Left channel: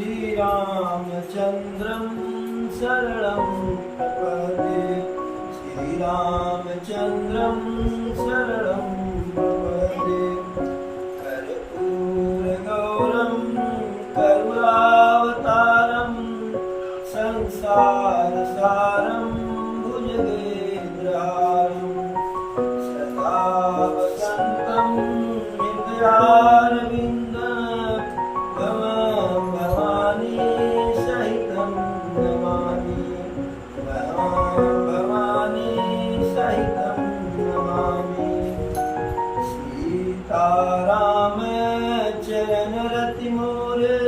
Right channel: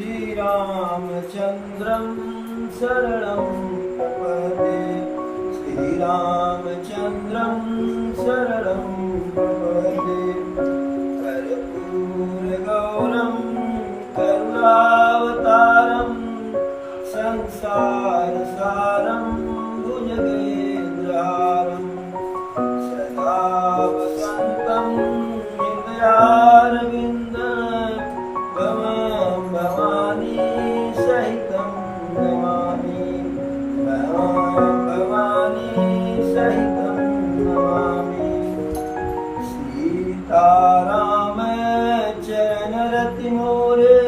श्रीरामचन्द्रं शरणं प्रपद्ये श्रीरामचन्द्रं शरणं प्रपद्ये कर्पूरगौरं करुणावतारं संसारसारं भुजगेन्द्रहारं सदा वसन्तं हृदयारविन्दं भवानी सहितं नमामि भवानी सहितं नमामि सीताराम चरण रति मोरे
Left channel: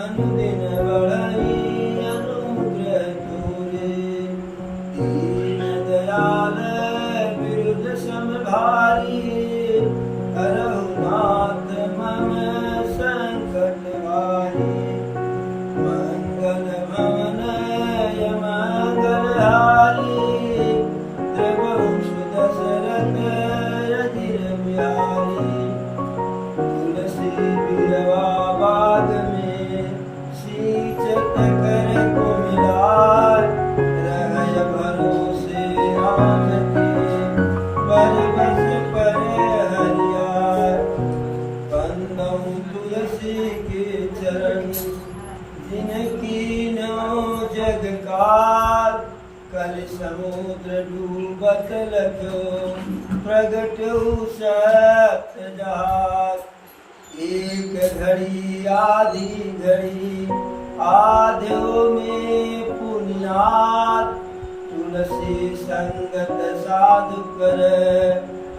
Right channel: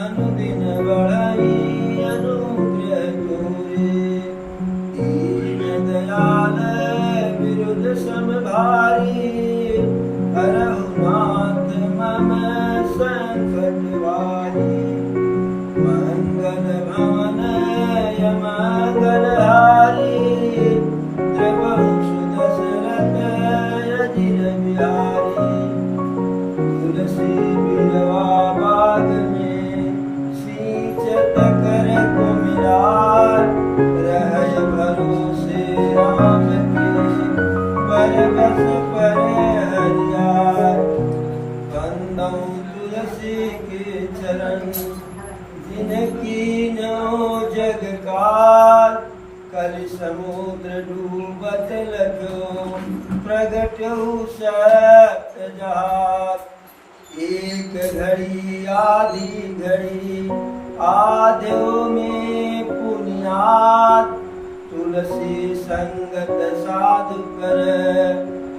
अनुदिन बढ़ई अनुग्रह तोरे दीन दयाल विरुद्ध समभारी रघुनाथ मम संकट वारी मंगल भवन मंगल हारी द्रवंश दशरथ अजिर बिहारी तुलसी बिलवा बाग में सींचत कर कुमिलार रहय भरोसे राम के परबस पर हरियार बंदौ तुलसी के चरण जिनकी नो जग काल कल समुद्र डूबत लख्यो प्रगट्यो सप्त जहाज एक घड़ी आधी घड़ी आध्यो में पुनियाद तुलसी संगत साधु कर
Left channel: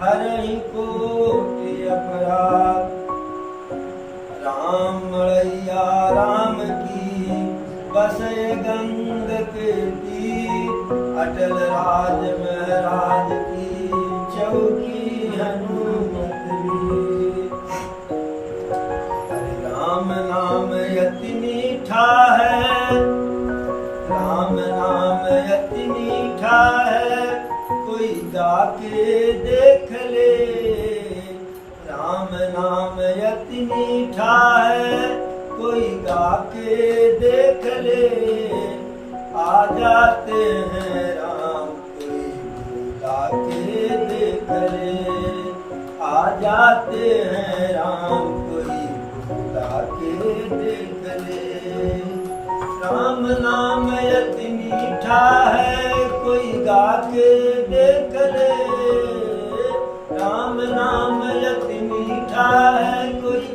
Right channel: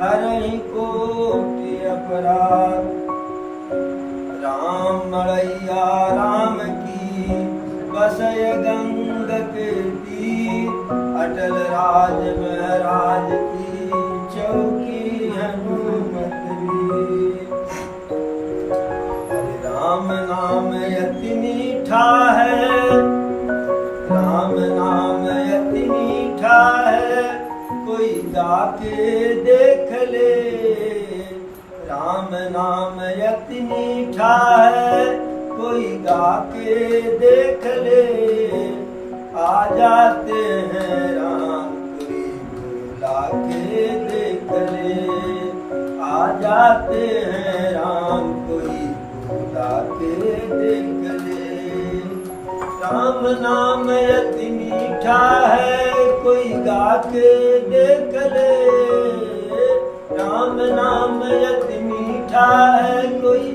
हरहि कोटि अपराध राम मड़ैया राम की बसय गंग के तीर अटल राज महाराज की चौकी हनुमत वीर हरे राम नाम अति मीठा है राम नाम अति मीठा है कोई जाके देख ले राम नाम अति मीठा है कोई गाके देख ले आ जाते हैं राम कोई बुला के देख ले आ जाते हैं राम कोई बुला के देख ले राम नाम अति मीठा है कोई गा के देख ले राम नाम अति मीठा है कोई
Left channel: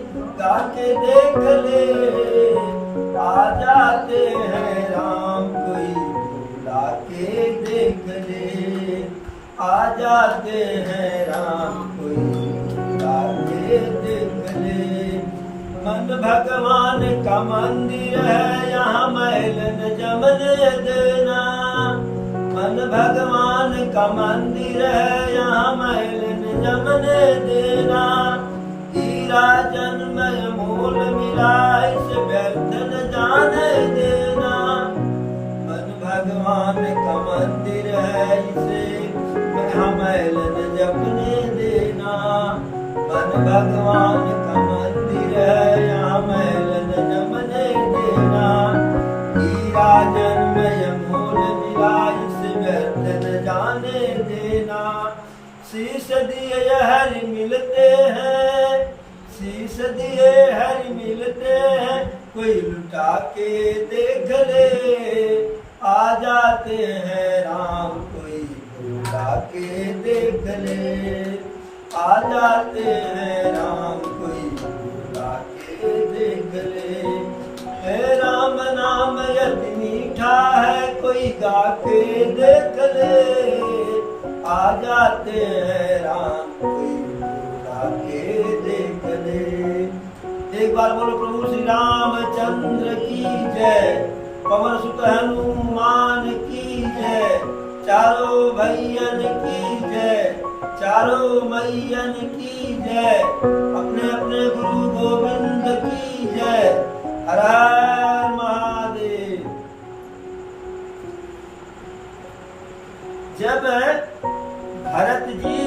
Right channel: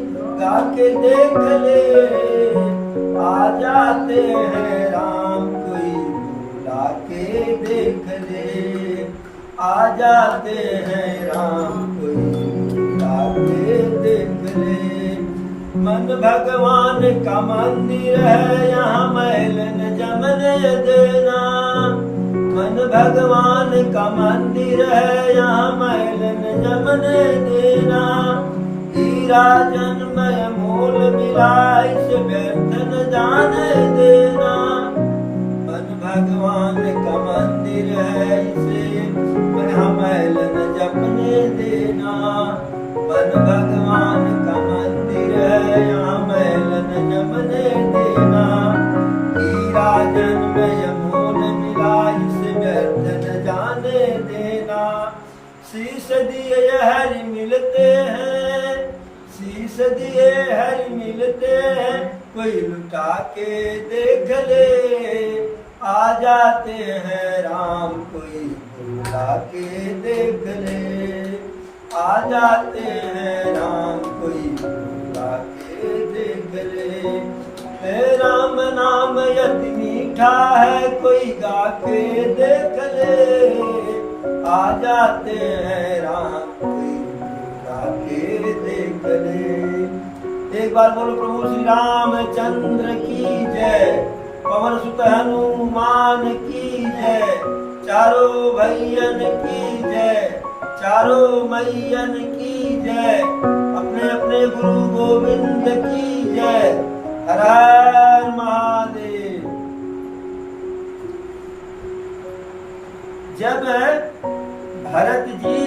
गा के देख ले आ जाते हैं राम कोई बुला के देख ले आ जाते हैं राम कोई बुला के देख ले मन भगवान का मंदिर है यहाँ महल न जमने देना मन भगवान का मंदिर है यहाँ महल न जमने देना हीरा जन्मय मोल मिला इस व्यर्थ न जाने देना मन भगवान का मंदिर है इसे यहाँ महल न जपने देना मन भगवान का मंदिर है यहाँ महल न जमने देना हीरा जन्मय मोल मिला इस व्यर्थ न जाने देना शीश दिए हरि मिलते हैं शीश दिए हरि मिलते हैं कोई लुटा के देख ले आ जाते हैं राम कोई बुला के देख ले आ जाते हैं राम कोई बुला के देख ले हे राम नाम अति मीठा है कोई गा के देख ले आ जाते हैं राम कोई बुला के देख ले एक बार बोलो प्रभु श्री रामचंद्र की जय पवन सुत हनुमान की जय चारों भैयन की जय चारों मैयन की जय अपने अपने गुरु गोविंद की जय हर हर महादेव जब भरत जी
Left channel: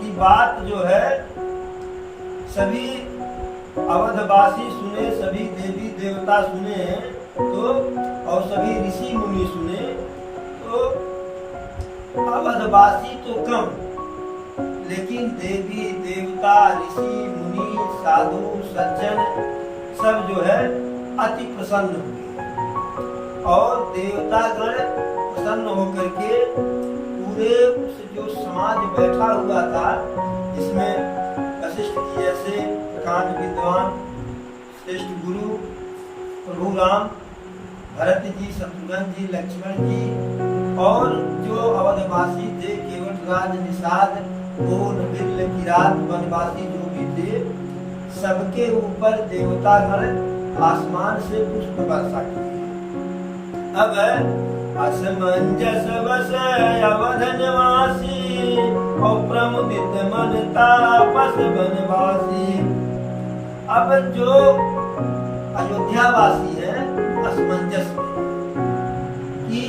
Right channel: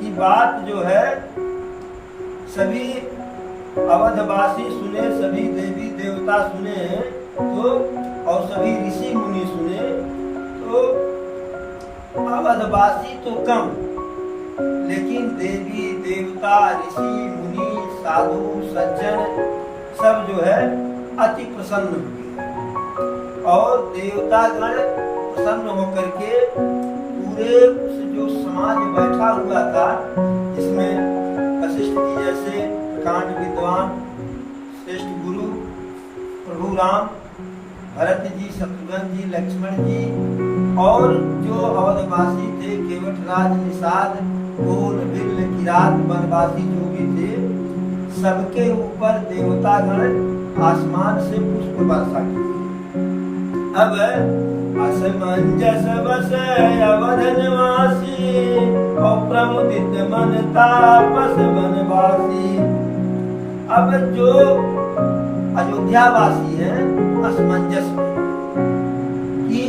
की बात जो है सभी अवधवासी सुने, सभी देवी देवता सुने तो, और सभी ऋषि मुनि सुने तो अवधवासी तो कम, लेकिन देवी देवता ऋषि मुनि साधु सज्जन सब जो है अति प्रसन्न हुए और देवतागण प्रसन्न होकर के पूरे उस जो समाज बैठा हुआ था, जिसमें वशिष्ठ जी जैसे प्रकांड विद्वान श्रेष्ठ गुरु प्रभु राम, भरत जी, शत्रुघ्न जी, लक्ष्मण जी और जो अवधवासी थे केवट राज, निषाद, पूर्ण, बिरल, किरात, वनवासी जो भी थे, सबके ऊपर देवतागण आसमान से पुष्प वर्षा किए। अब असमंजस बस अवध निवासी और प्रमुदित मन तापस वनवासी। अब जो अयोध्यावासी हैं असमंजस में कि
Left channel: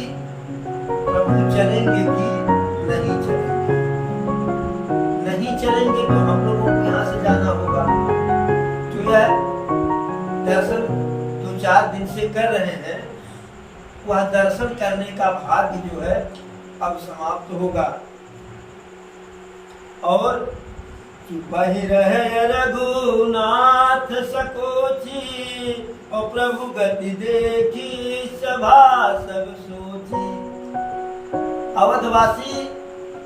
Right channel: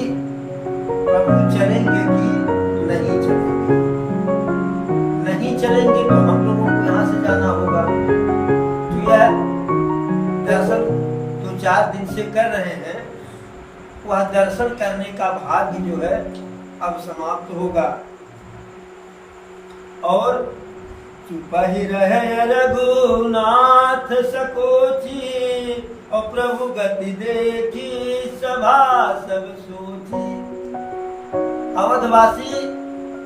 प्रभु चलेंगे कि नहीं चलेंगे, नहीं चलेंगे तो हम लोगों को यहाँ से जाना होगा। तो यह दर्शन जो 4 दिन से कर रहे हैं, वह दर्शन करने का भाग्य जो है अब समाप्त होगा। और चुप ही रहे रघुनाथ सकोची और प्रभु गति देखी सभा सब सोची। अवधवासी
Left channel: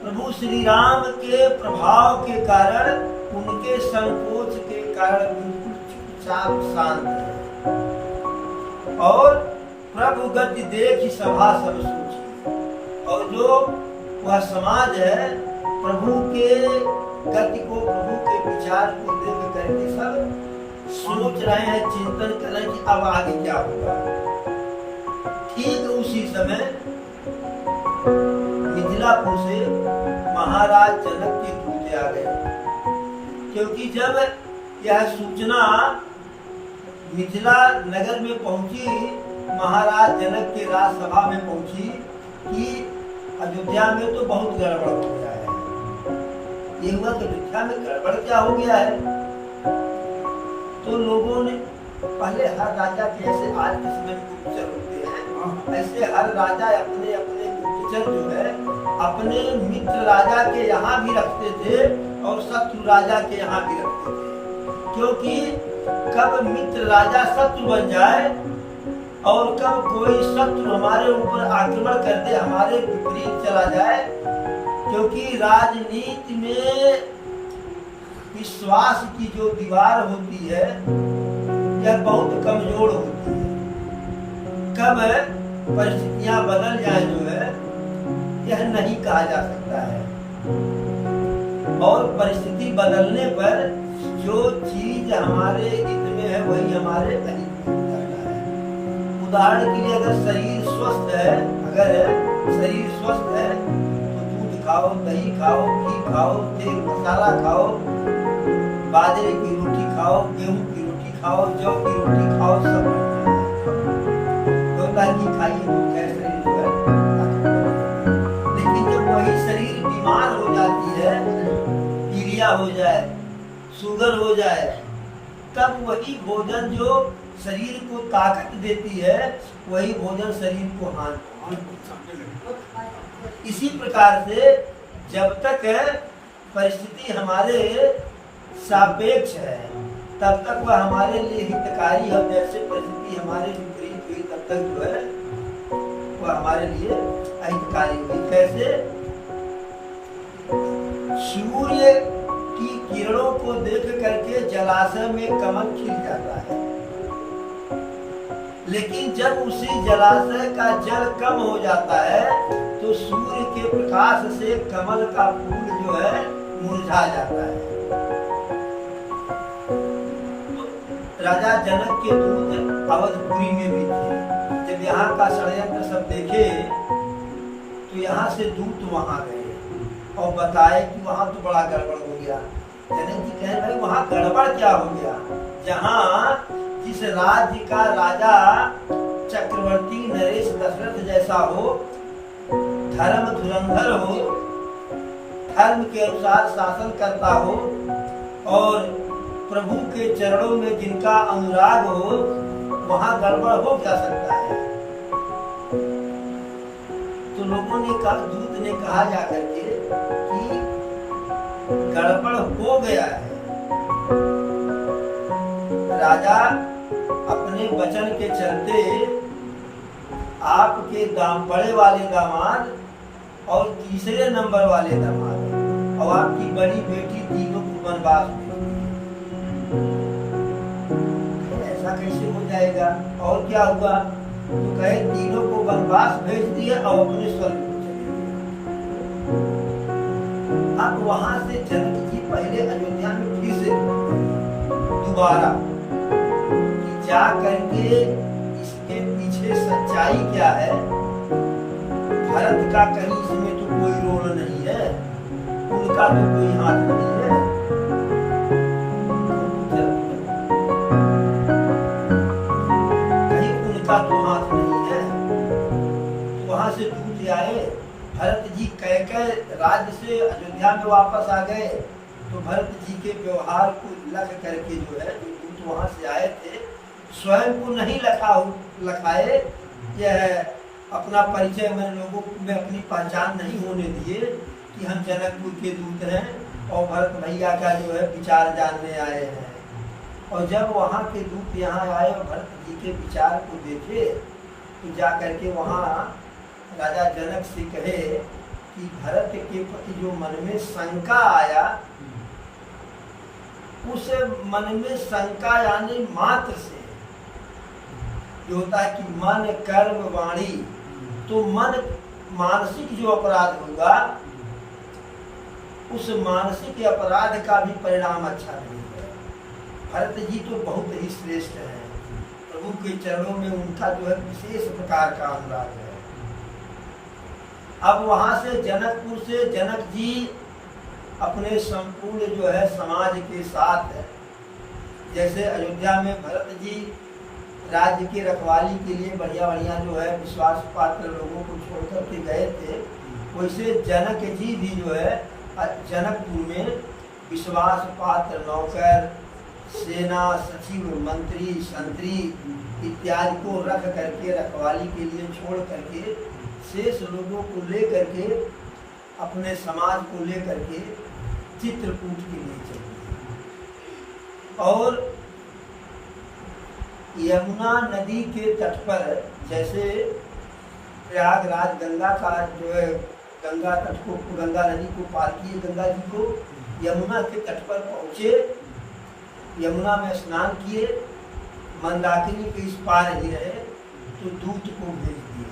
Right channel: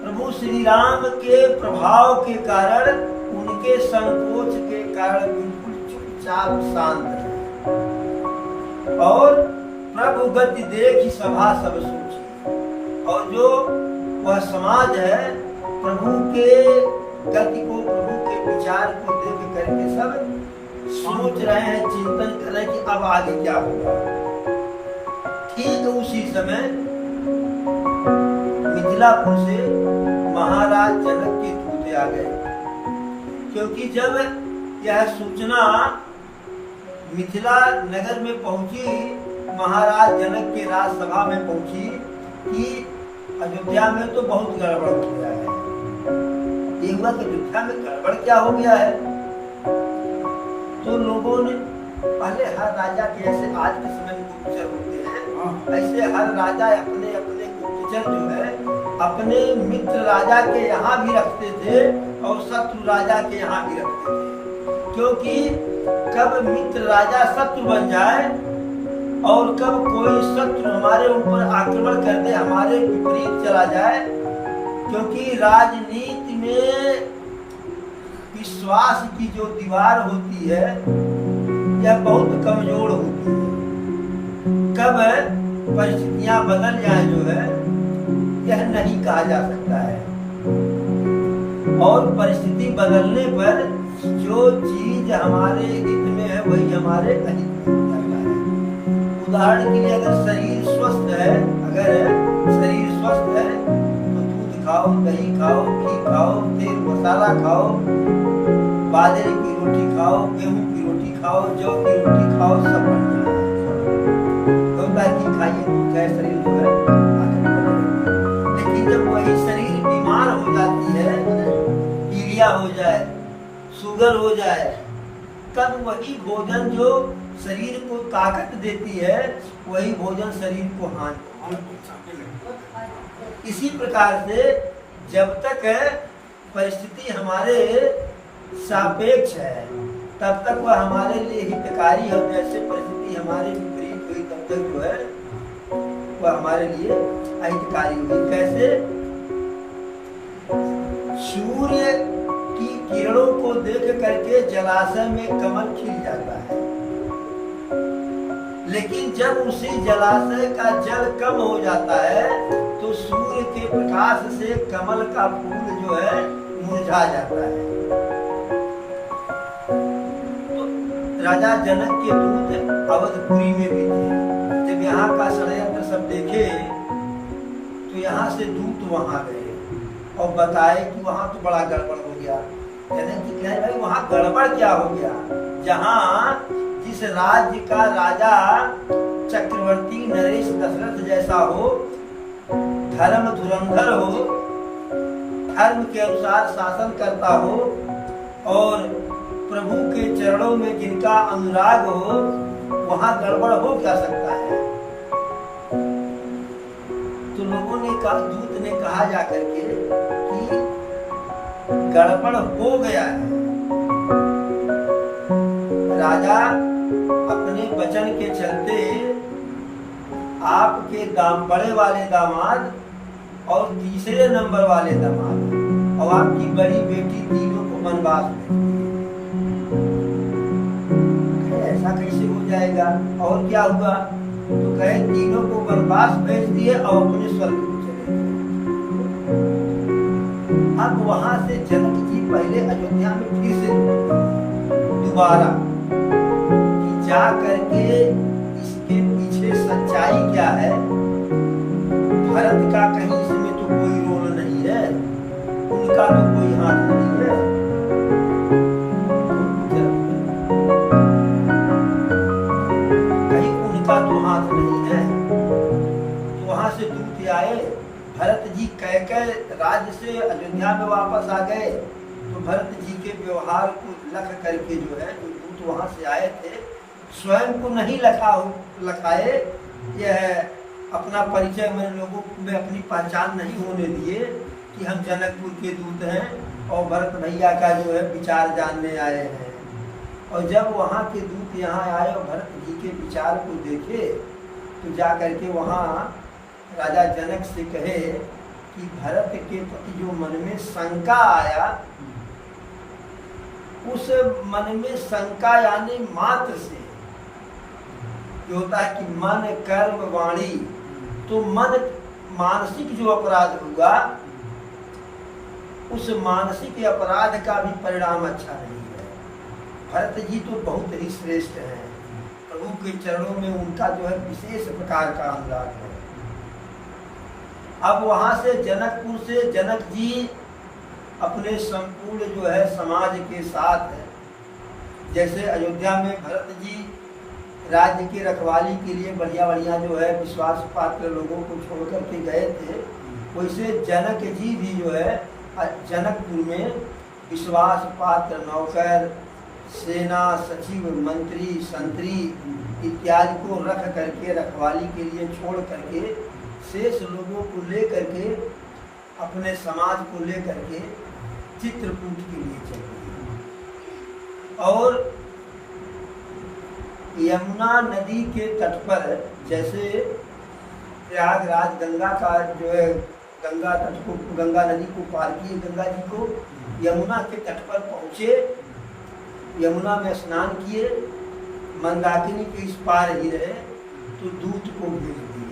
प्रभु श्री राम के प्रभाव के कारण, उनके संकोच के कारण बिल्कुल चुपचाप शांत है और प्रभु गति देखी सभा सब सोची। और जो वह समाज है प्रभु के गति को, प्रभु के विचार को देख करके सब सोच रहे हैं, चिंतन कर रहे हैं कि अब आगे क्या होगा। ठीक उसी समय मिथिलापुर से महाराज जनक के दूत आ गए, क्योंकि जब यह सूचना मिथिला नगर में पहुंची, महाराज जनक के राजसभा में पहुंची कि अयोध्या में तो बहुत गड़बड़ हो गया है। ये हुआ कि अयोध्या में गड़बड़ क्या हो गया है। तो लोगों ने पहले हर राजा के, जैसे आज के समय में गुप्तचर होते हैं, ऐसे हर राजा अपने अपने गुप्तचर जो है अपने मित्र राजा के यहाँ भी रखते थे और शत्रु राजा के यहाँ भी रखते थे, क्योंकि कब मित्र राजा शत्रु बन जाए और कब कोई शत्रु हमारे ऊपर आक्रमण कर दे, हमारे विपरीत चला जाए। क्योंकि राजनीति में विश्वास की जो दीवार होती है यह बहुत कमजोर होती है। कब परिस्थितियां बदल जाए जो है यह नहीं कहा जा सकता है। और परिस्थिति बदलने पर जो चीज हमारे हित में है वही हमारे अहित में जाता है। उदाहरण के लिए अगर शरीर स्वस्थ है, तो दूध खाओ, दही खाओ, घी खाओ, तेल मसाला खाओ, बाजरे की रोटी खाओ, गेहूं की रोटी खाओ, जौ की रोटी खाओ, सब बढ़िया है। घी खाइए, दूध खाए, शरीर जो है। लेकिन जब वही शरीर बीमार हो जाती है, पीलिया हो जाए, शुगर हो जाए, तब वही भोजन जो शरीर को ताकत देती है वही भोजन शरीर को हानि। इसी प्रकार से जब तक परिस्थिति हमारे सापेक्ष है तब तक वह हमारे लिए हितकारी है। जैसे परिस्थिति हमारे विपरीत हुई तब तक जो है वह हमारे लिए अहितकारी हुई। कैसे? सूर्य की किरणों को देख करके जलाशय में कमल खिल जाता है, लेकिन जब उसी जलाशय का जल कम हो जाता है तो सूर्य के प्रकाश से कमल का फूल जो है मुरझा जाता है। तो राजा जनक के दूत अवधपुरी में भी थे। जब यहाँ का षड्यंत्र सब देखे तो यहाँ से दूत वहां गए और बताए कि वहां तो बड़ा गड़बड़ हो गया। जनक जी कहे भाई वहां गड़बड़ क्या हो गया? जहाँ जिस राज्य का राजा चक्रवर्ती नरेश दशरथ जैसा हो, धर्म धुरंधर हो, धर्म के अनुसार शासन करता हो और प्रभु के चरणों में जिनका अनुराग हो, वहां गड़बड़ हो क्या सकता है। तो लोगों ने कहा, दूत ने कहा जाकर के कि गड़बड़ हो गया है। राजा अपने वचन के चलते आपके बड़े वाले दामाद और तीसरे नंबर वाले दामाद और आपकी बड़ी बेटी तीनों को वनवास भेज दिए। ऐसा कैसे हो जाएगा? और क्या हुआ? तो कहे तीनों को वनवास भेज दिए और अपने स्वर्ग को चले गए। अब वहां से जनक जी पहले अयोध्या में फिर से दोबारा कि जा करके इसके पीछे सच्चाई क्या है। भरत का कहीं इसमें तो कोई रोल नहीं है, उनका तो कोई हाथ नहीं है। कहीं उनका तो हाथ नहीं है। तो वहां से दूत आए, भरत जी कह राज्य से अयोध्या में वापस आ गए। तो भरत जी के व्यवहार को लख करके जो है, जो दूत वहां से आए थे, स्वयं को नहीं लखाए, यह अपना परिचय में लोगों में अपनी पहचान नहीं होने दिए कि हम जनकपुर के दूत हैं और भरत भैया का जो है विचार जानने आए हैं। और जब वहाँ के दूत यहाँ आए और भरत जी के विचार को देखे, तो जा करके वहाँ राजा जनक से कहे कि भरत के प्रति जो मन में शंका आया, उस मन में शंका यानी मात्र से जो होता है कि मन कर्म वाणी, तो मन मानसिक जो अपराध हुआ, उस मानसिक अपराध का भी परिणाम अच्छा नहीं है। भरत जी तो बहुत ही श्रेष्ठ है, प्रभु के चरणों में उनका जो है विशेष प्रकार का अनुराग है। अब वहां से जनकपुर से जनक जी अपने संपूर्ण जो है समाज के साथ, जैसे अयोध्या में भरत जी राज्य की रखवाली के लिए बढ़िया बढ़िया जो है विश्वास पात्र लोगों को छोड़ करके गए थे, वैसे जनक जी भी जो है जनकपुर में विश्वास पात्र नौकर, सेना, सचिव, मंत्री, संतरी इत्यादि को रख करके रखवाली के लिए छोड़ करके शेष लोगों को ले करके, अपने समाज को ले करके चित्रकूट के लिए चले। और यमुना नदी के तट पर, जैसे प्रयागराज गंगा का जो है, गंगा तट को, गंगा नदी को पार किए गंगा जी को, यमुना के तट पर पहुँचे, यमुना में स्नान किए, मंदाकिनी के इस पार ही रहे, तो दूत को भेज दिए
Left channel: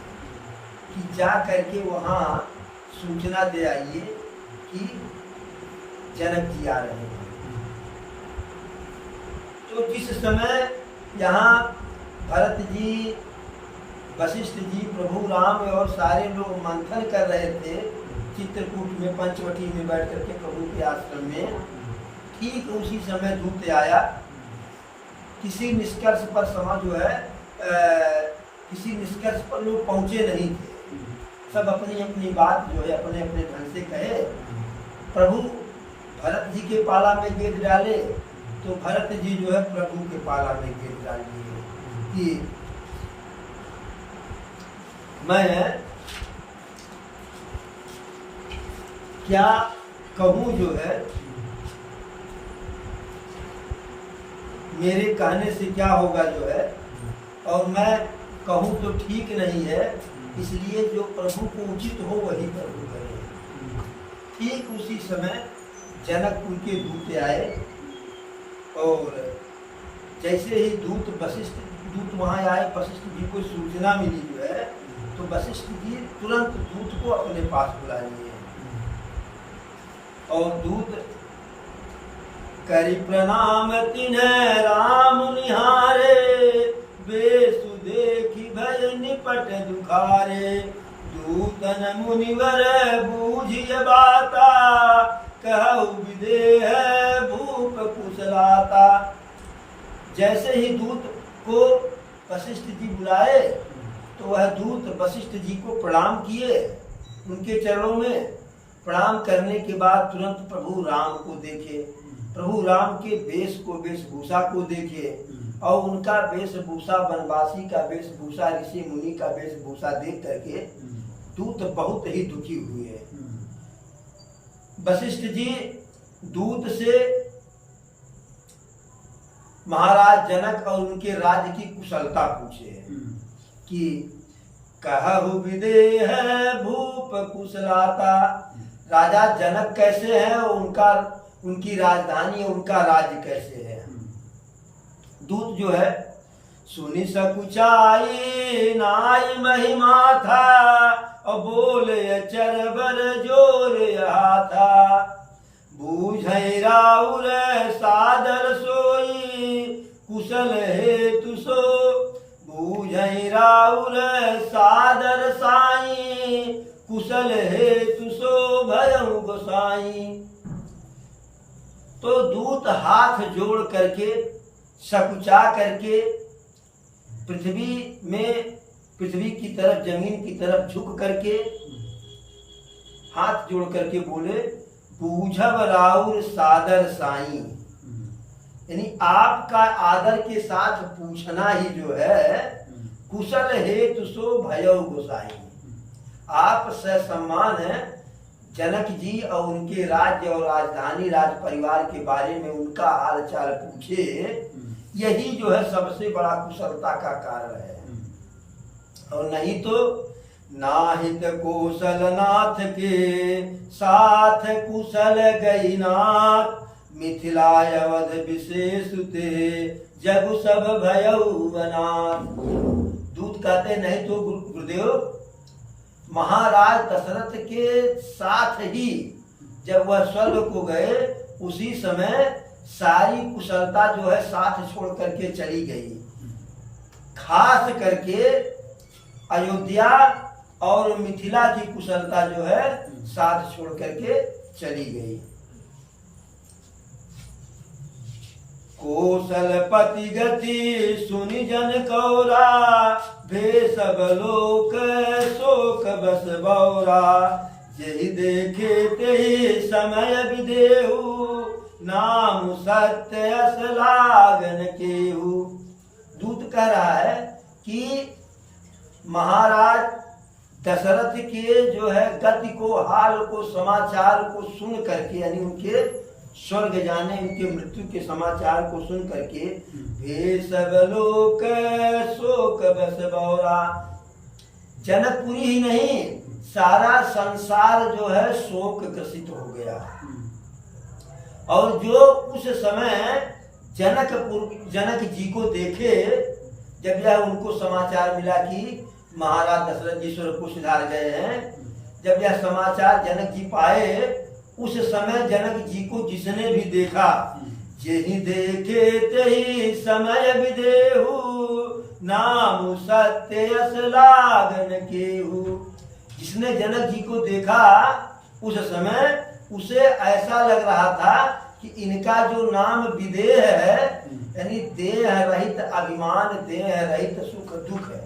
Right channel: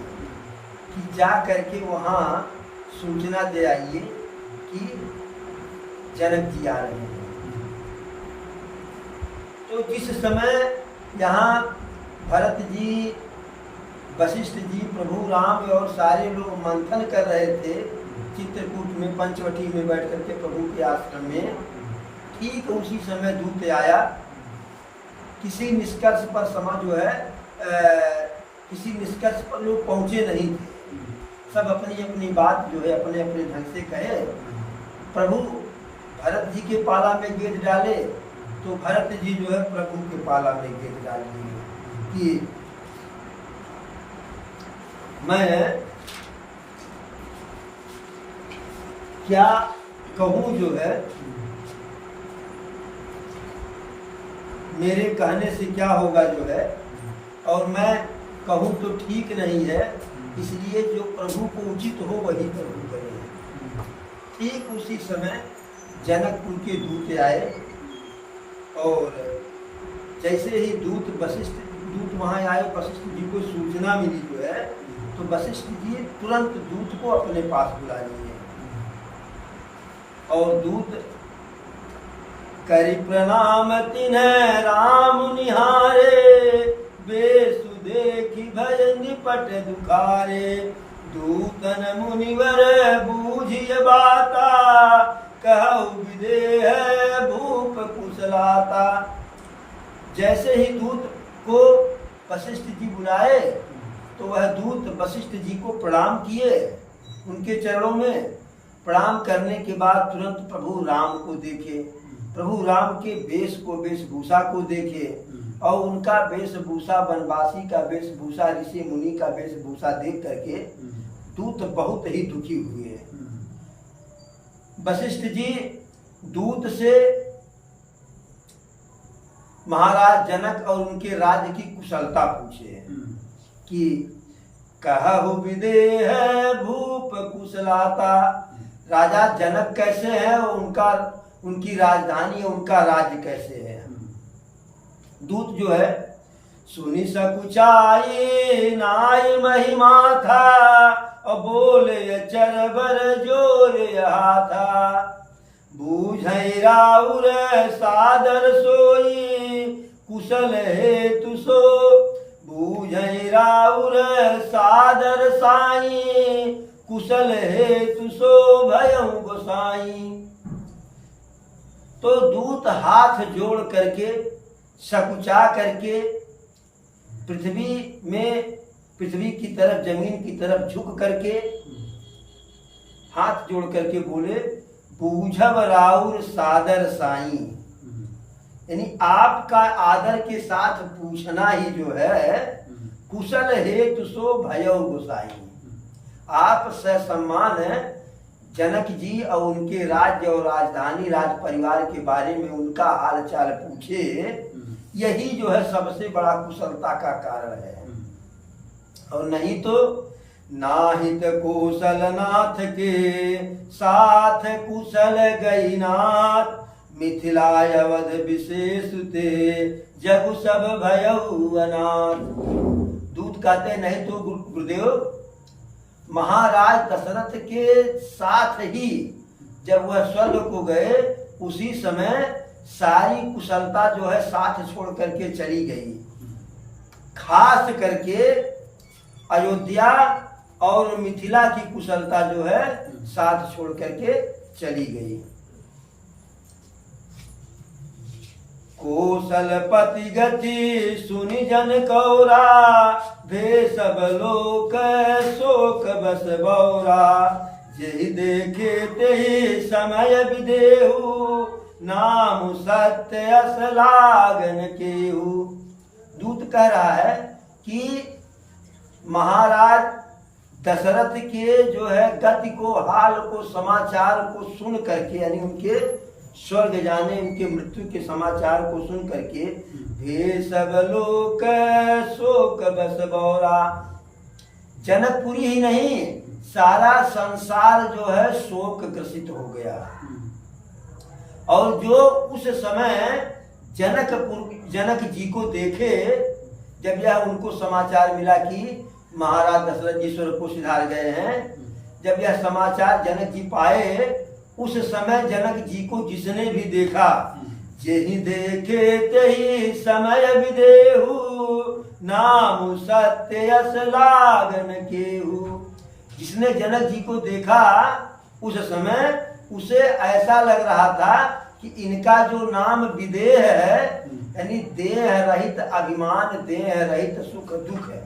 कि जा करके वहाँ सूचना दे आइए कि जनक जी आ रहे हैं। तो जिस समय यहाँ भरत जी, वशिष्ठ जी, प्रभु राम और सारे लोग मंथन कर रहे थे चित्रकूट में, पंचवटी में बैठ करके प्रभु के आश्रम में, ठीक उसी समय दूत आया। किसी निष्कर्ष पर समाज जो है, किसी निष्कर्ष पर लोग पहुँचे नहीं थे, सब अपनी अपनी बात जो है अपने अपने ढंग से कहे। प्रभु भरत जी के पाला में गेंद डाले, तो भरत जी जो है प्रभु के पाला में गेंद डाल दिए कि मैं क्या कहूँ, जो है मेरे कहने से क्या होगा जो है, और मैं कहूँ तो ठीक नहीं है, इसलिए जो प्रभु को उचित हो वही प्रभु करे। ठीक उसी समय जनकपुर के दूत आए, और जैसे ही दूत वहाँ आए, वशिष्ठ जी को सूचना मिली जो है, तो वशिष्ठ जी तुरंत दूत को अपने पास बुला लिए। और दूत करी प्रणाम तिन्ह राम निहारे, बेसु देखी भय निपट दुखारे, दूतन मुनिवर बूझिय बाता, कहु विदेह भूप कुशलाता। जैसे ही दूत को वशिष्ठ जी बुलाए, तो वह दूत वशिष्ठ जी को प्रणाम किए उनके चरणों में, प्रणाम करने के बाद तुरंत प्रभु राम को देखे, प्रभु राम के वेशभूषा को देखे और उनका वेशभूषा वनवासी का वेशभूषा, ऋषि मुनि का वेशभूषा देख करके दूत बहुत ही दुखी हुए। वशिष्ठ जी दूत से महाराज जनक और उनके राज्य की कुशलता पूछे कि कहु विदेह भूप कुशलाता, राजा जनक कैसे हैं, उनकी राजधानी, उनका राज्य कैसे है। दूत जो है सुनी सकुचाई नाई महिमा था, और बोले चरबर जोर था, बूझई राउर सादर सोई कुशल हेतु सो, बूझई राउर सादर साई कुशल हेतु सो भयउ गोसाई। तो दूत हाथ जोड़ करके सकुचा करके पृथ्वी की तरफ, जमीन की तरफ झुक करके हाथ जोड़ करके बोले बूझब राउर सादर साई, यानी आपका आदर के साथ पूछना ही जो है कुशल हेतु सो भयउ गोसाई। आप ससम्मान जनक जी और उनके राज्य और राजधानी राज परिवार के बारे में उनका हाल चाल पूछे, यही जो है सबसे बड़ा कुशलता का कारण है। और नहीं तो नाहित कौशल नाथ के साथ कुशल गई नाथ, मिथिला अवध विशेष ते जगु सब भयउ अनाथ। दूत कहते नहीं तो गुरुदेव महाराज दशरथ के साथ ही जब वह स्वर्ग को गए उसी समय सारी कुशलता जो है साथ छोड़ करके चली गई। खास करके अयोध्या और मिथिला की कुशलता जो है साथ छोड़ करके चली गई। कौशलपति गति सुनि जन कौरा, भे सब लोक शोक बस बौरा, यही देखे ते समय विदेहु, नाम सत्य अस लागन केहू। दूत कह रहा है कि महाराज दशरथ के जो है गति को, हाल को, समाचार को सुन करके, यानी उनके स्वर्ग जाने, उनके मृत्यु के समाचार को सुन करके भे सब लोक शोक बस बौरा, जनकपुरी ही नहीं सारा संसार जो है शोक ग्रसित हो गया। और जो उस समय जनक जी को देखे, जब यह उनको समाचार मिला कि महाराज दशरथ जी स्वर्ग को सिधार गए हैं, जब यह समाचार जनक जी पाए, उस समय जनक जी को जिसने भी देखा, जेहि देखे तेहि समय विदेहु, नाम सत्य यस लागन केहू। जिसने जनक जी को देखा उस समय उसे ऐसा लग रहा था कि इनका जो नाम विदेह है, यानी देह रहित अभिमान, देह रहित सुख दुख है,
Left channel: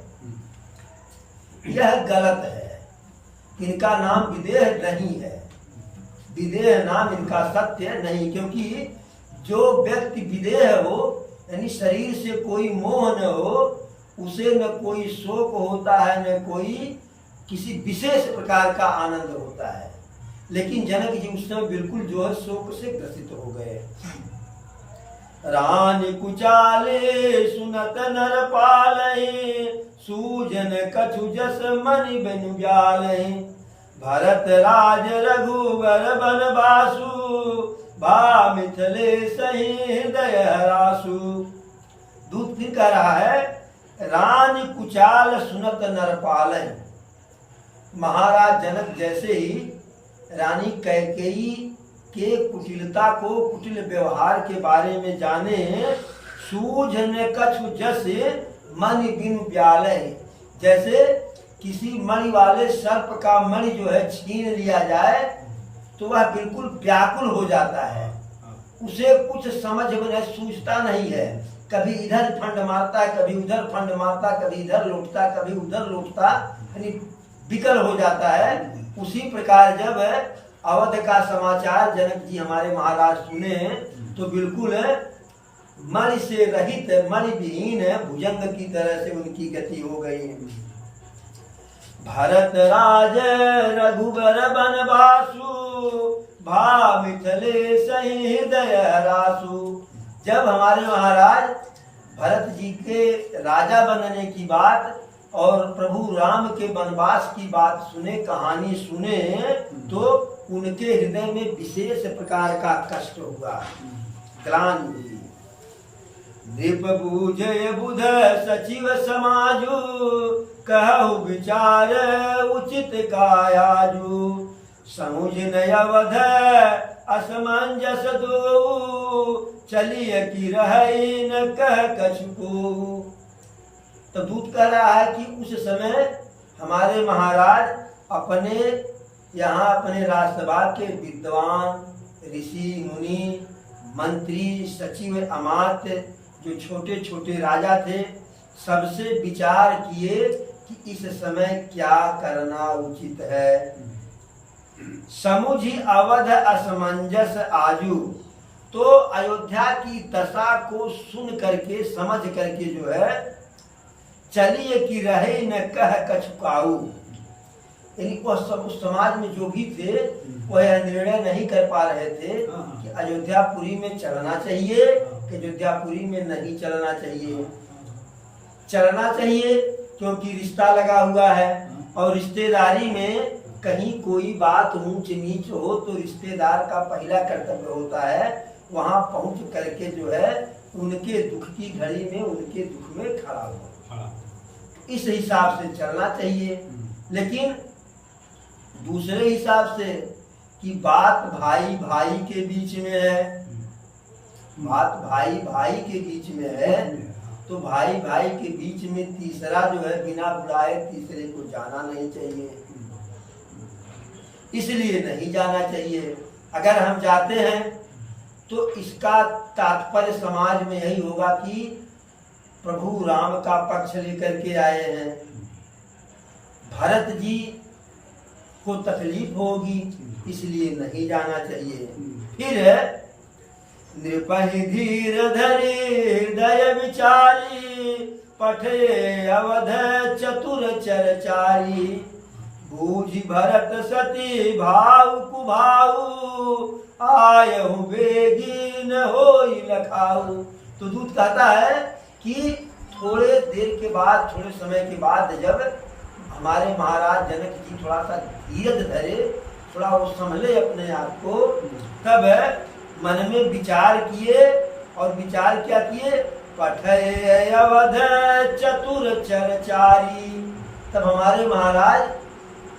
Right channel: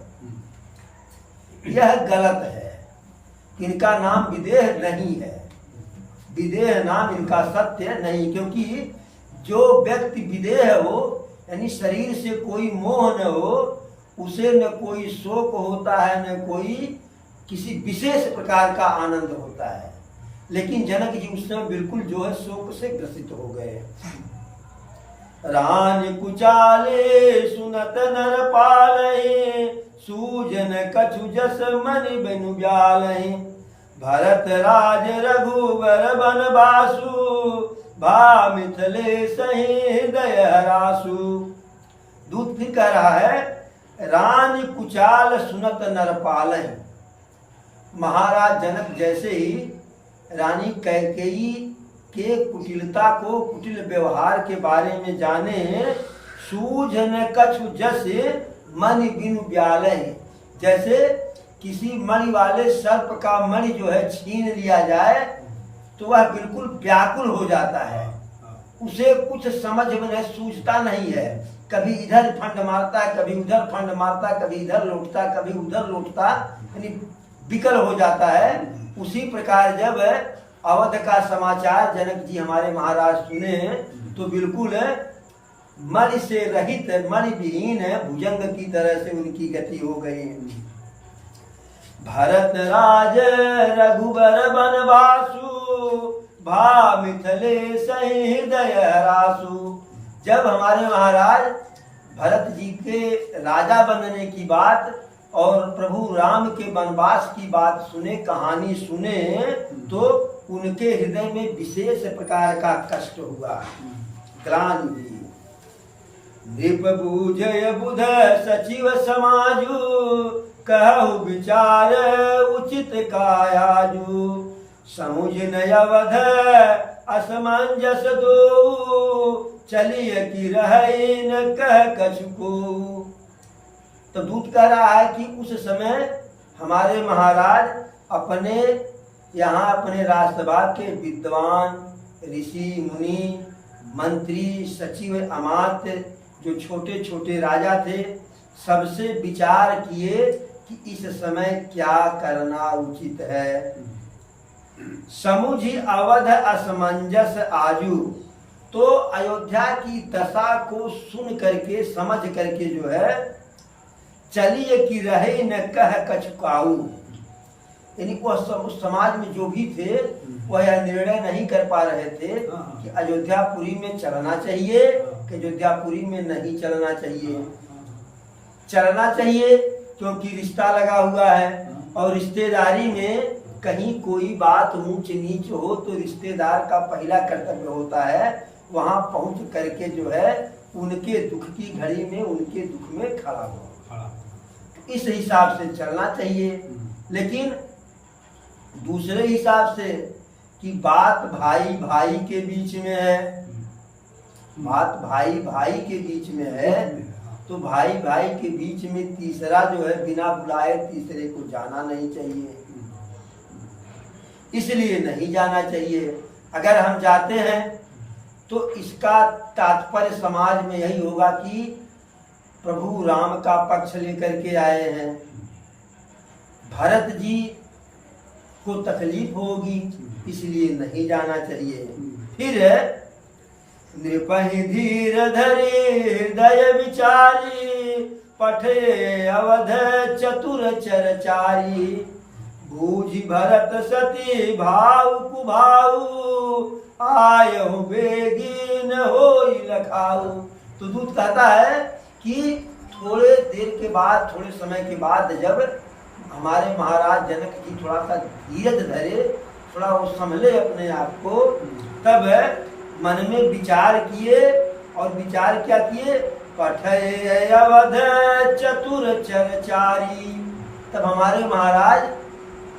यह गलत है। इनका नाम विदेह नहीं है, विदेह नाम इनका सत्य नहीं। क्योंकि जो व्यक्ति विदेह हो, यानी शरीर से कोई मोह न हो, उसे न कोई शोक होता है, न कोई किसी विशेष प्रकार का आनंद होता है। लेकिन जनक जी उस समय बिल्कुल जो है शोक से ग्रसित हो गए। रानी कुचाले सुनत नर पालहि, सूजन कछु जस मन बिनु ब्यालहि, भरत राज रघुवर बनवासु, भा मिथिले सही हृदय हरासु। दूत फिर कह रहा है रानी कुचाल सुनत नर पालहि। महाराज जनक जैसे ही रानी कैकेयी के कुटिलता को, कुटिल व्यवहार के बारे में जाने, सूझन कछु जस मन बिनु ब्यालहि, जैसे किसी मणि वाले सर्प का मणि जो है छीन लिया जाए तो वह बिल्कुल व्याकुल हो जाता है, उसे कुछ समझ में सूझता नहीं है, कभी इधर फंड मारता, कभी उधर फंड मारता, कभी इधर लौटता, कभी उधर लौटता, यानी विकल हो जाता है। उसी प्रकार जब अवध का समाचार जनक जी हमारे महाराज सुने तो बिल्कुल मल से रहित, मल विहीन भुजंग की तरह से उनकी गति हो गई। भरत राज रघुबर बनवासु, भा मिथिले सही हृदय हरासु। जब हमारे महाराज भरत जी के राजा बनने की बात और प्रभु राम के वनवास की बात सुने, कहानी सुने, तो उनके हृदय में विशेष प्रकार का कष्ट हुआ, ग्लानि हुई। नृप बूझय बुध सचिव समाजु, कहु विचार उचित कायाजु। समुझ न अवध असमंजस दो, चलिए कि रहे न कह कछु को। तो दूत कह रहा है कि उस समय हमारे महाराज अपने यहाँ अपने राजसभा के विद्वान ऋषि मुनि मंत्री सचिव अमात्य जो छोटे छोटे राजा थे, सबसे विचार किए कि इस समय क्या करना उचित है। समुझ अवध असमंजस आजू, तो अयोध्या की दशा को सुन करके समझ करके जो है, चलिए कि रहे न कह कछुकाऊ, यानी उस समाज में जो भी थे वह यह निर्णय नहीं कर पा रहे थे कि अयोध्यापुरी में चलना चाहिए कि अयोध्यापुरी में नहीं चलना चाहिए। चलना चाहिए क्योंकि रिश्ता लगा हुआ है, और रिश्तेदारी में कहीं कोई बात ऊंच नीच हो तो रिश्तेदार का पहला कर्तव्य होता है वहां पहुंच करके जो है उनके दुख की घड़ी में उनके दुख में खड़ा हो। तो इस हिसाब से चलना चाहिए। लेकिन दूसरे हिसाब से कि बात भाई भाई के बीच में है, बात भाई भाई के बीच में है, तो भाई भाई के बीच में तीसरा जो है बिना बुलाए तीसरे को जाना नहीं चाहिए, इसलिए नहीं जाना चाहिए। अगर हम जाते हैं तो इसका तात्पर्य समाज में यही होगा कि प्रभु राम का पक्ष लेकर के आए हैं, भरत जी को तकलीफ होगी, इसलिए नहीं जाना चाहिए। फिर नृपहि धीर धरे हृदय विचारी, पठे अवध चतुर चरचारी। बूझ भरत सती भाव कुभाऊ, आयहु बेगीन होई लखाऊ। तो दूत कहता है कि थोड़े देर के बाद, थोड़े समय के बाद जब हमारे महाराज जनक जी थोड़ा सा धीरज धरे, थोड़ा वो संभले अपने आप को, तब मन में विचार किए, और विचार क्या किए, पठे अवध चतुर चरचारी। तब हमारे महाराज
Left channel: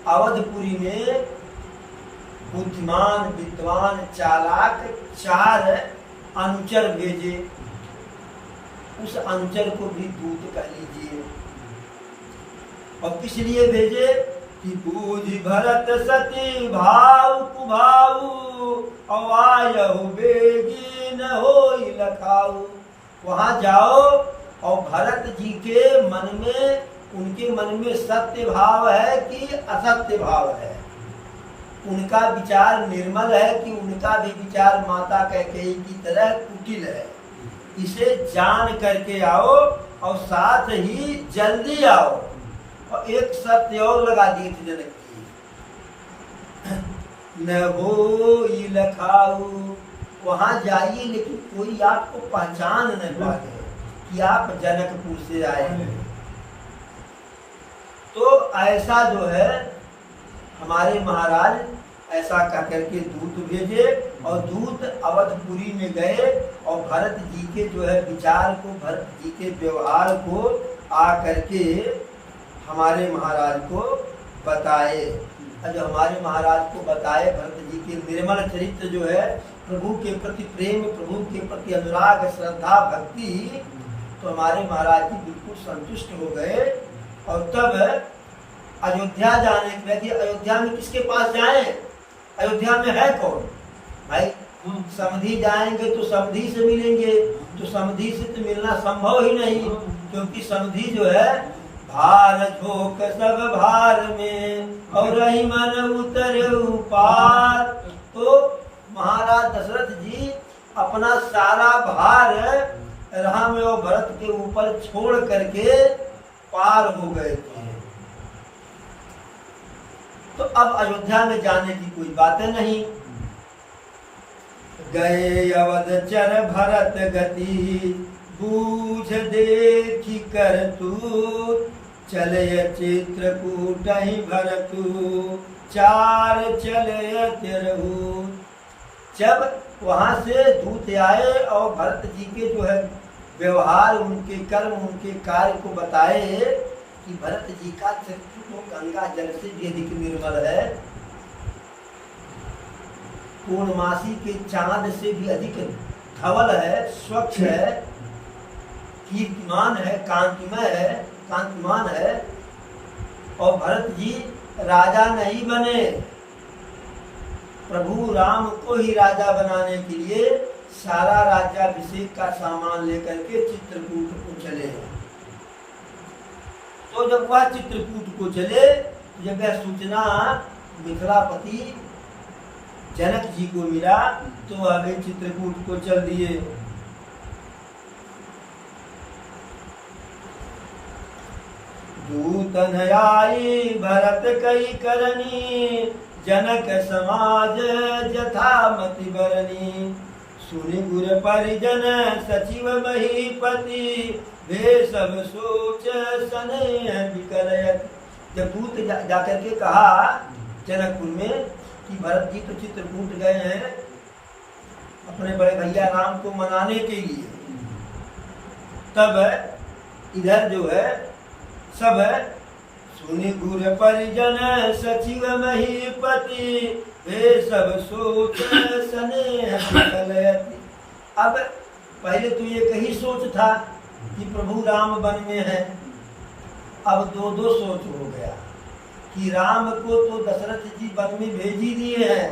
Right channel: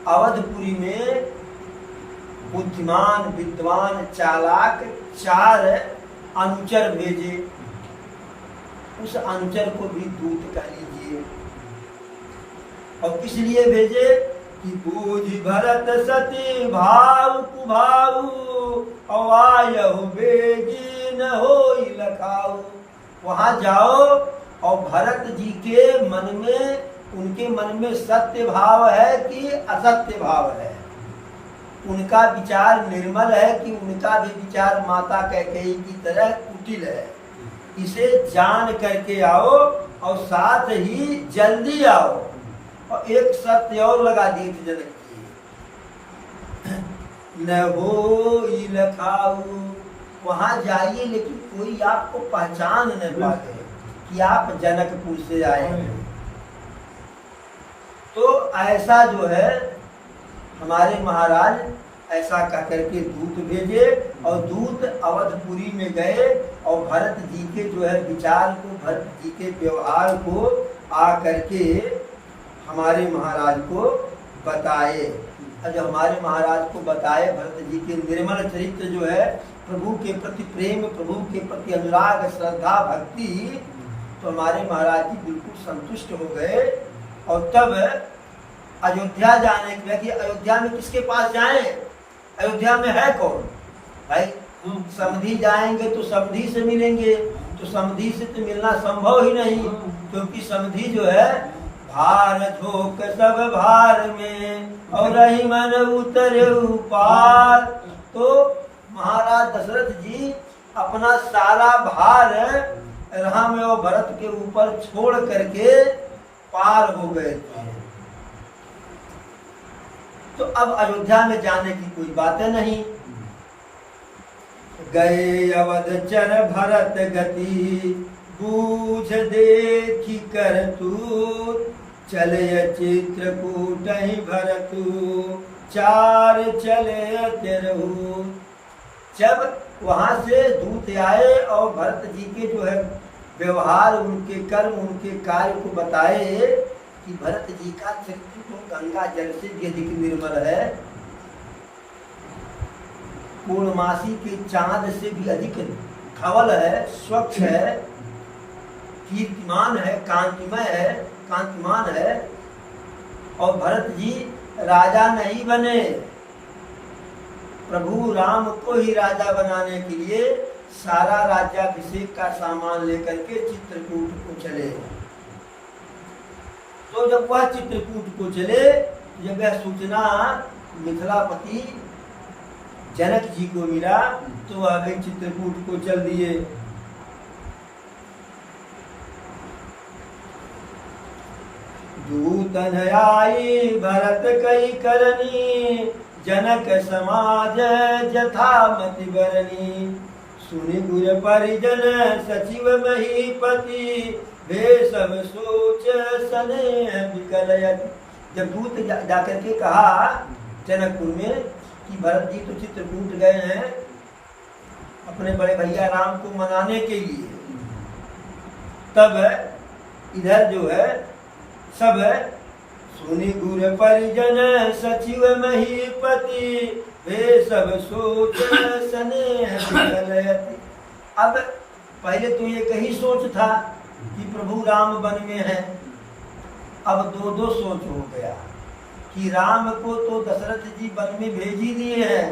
अवधपुरी में बुद्धिमान विद्वान चालाक 4 अनुचर भेजे। उस अनुचर को भी दूत कह लीजिए। और किस लिए भेजे कि बूझ भरत सती भाव कुभाऊ, अवायहु बेगीन होई लखाऊ। वहां जाओ और भरत जी के मन में, उनके मन में सत्य भाव है कि असत्य भाव है, उनका विचार निर्मल है कि उनका भी विचार माता कैकेयी की तरह कुटिल है, इसे जान करके आओ और साथ ही जल्दी आओ। और एक सत्य और लगा दिए थे जनक जी, न हो लखाऊ। वहां जाइए लेकिन कोई आपको पहचान न पाए कि आप जनकपुर से आए हैं। तो ऐसा जो है हमारे महाराज ऐसा कह करके दूत भेजे, और दूत अवधपुरी में गए और भरत जी के जो है विचार को, भरत जी के व्यवहार को आ करके हमारे महाराज को बताए। जब हमारे महाराज को बताए भरत जी के निर्मल चरित्र जो है, प्रभु के प्रति प्रेम, प्रभु के प्रति अनुराग, श्रद्धा, भक्ति, तो हमारे महाराज जी बिल्कुल संतुष्ट हो गए। और तब अयोध्या जाने के लिए, अयोध्या में किसके पास जाएं? अयोध्या में है कौन भाई? समधी जाएंगे तो समधी से मिलेंगे, तो समधी से तो मिलना संभव ही नहीं, क्योंकि समधी जो है भार झोंक सब भार में और रही मन उतरे पार। तो महाराज दशरथ जी अपना सारा भार राम और भरत के ऊपर छोड़ करके पार हो गए थे। तो अब अयोध्या में जाने की कोई बातें नहीं। गए अवध चर भरत गति बूझ देखी कर तू चले चित्रकूट ही भरतु चार चले तेरहू। जब वहां से दूत आए और भरत जी के जो है व्यवहार, उनके कर्म, उनके कार्य को बताए कि भरत जी का चरित्र तो गंगा जल से भी अधिक निर्मल है, पूर्णमासी के चांद से भी अधिक धवल है, स्वच्छ है, कीर्तिमान है, कांतिमान है। और भरत जी राजा नहीं बने, प्रभु राम को ही राजा बनाने के लिए सारा राज्याभिषेक का सामान लेकर के चित्रकूट को चले। तो जब वह चित्रकूट को चले, जब यह सूचना मिथिलापति जनक जी को मिला तो आगे चित्रकूट को चल दिए। दूतन आई भरत कई करनी जनक समाज जथामति बरनी। सुनि गुर परिजन सचिव महीपति वे सब सोच सने विकलयत। जब दूत जाकर के कहा जनकपुर में कि भरत जी तो चित्रकूट गए हैं अपने बड़े भैया राम को मनाने के लिए, तब इधर जो है सब सुनि गुर परिजन सचिव महीपति वे सब सोच सने विकलयति। अब पहले तो ये कही सोच था कि प्रभु राम वन में है, अब दो दो सोच हो गया कि राम को तो दशरथ जी वन में भेज ही दिए हैं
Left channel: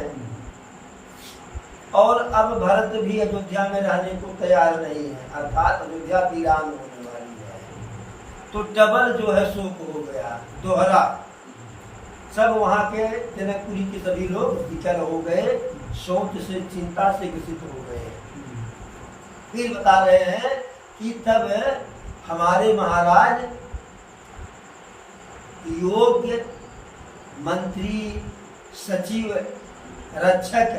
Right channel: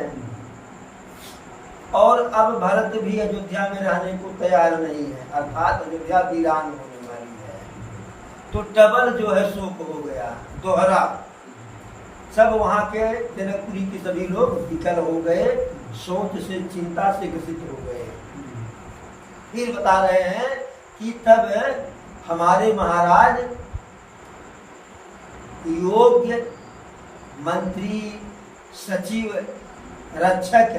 और अब भरत भी अयोध्या में रहने को तैयार नहीं है, अर्थात अयोध्या वीरान होने वाली है। तो डबल जो है शोक हो गया, दोहरा। सब वहां के जनकपुरी के सभी लोग विकल हो गए, सोच से, चिंता से ग्रसित हो गए। फिर बता रहे हैं कि तब हमारे महाराज योग्य मंत्री, सचिव, रक्षक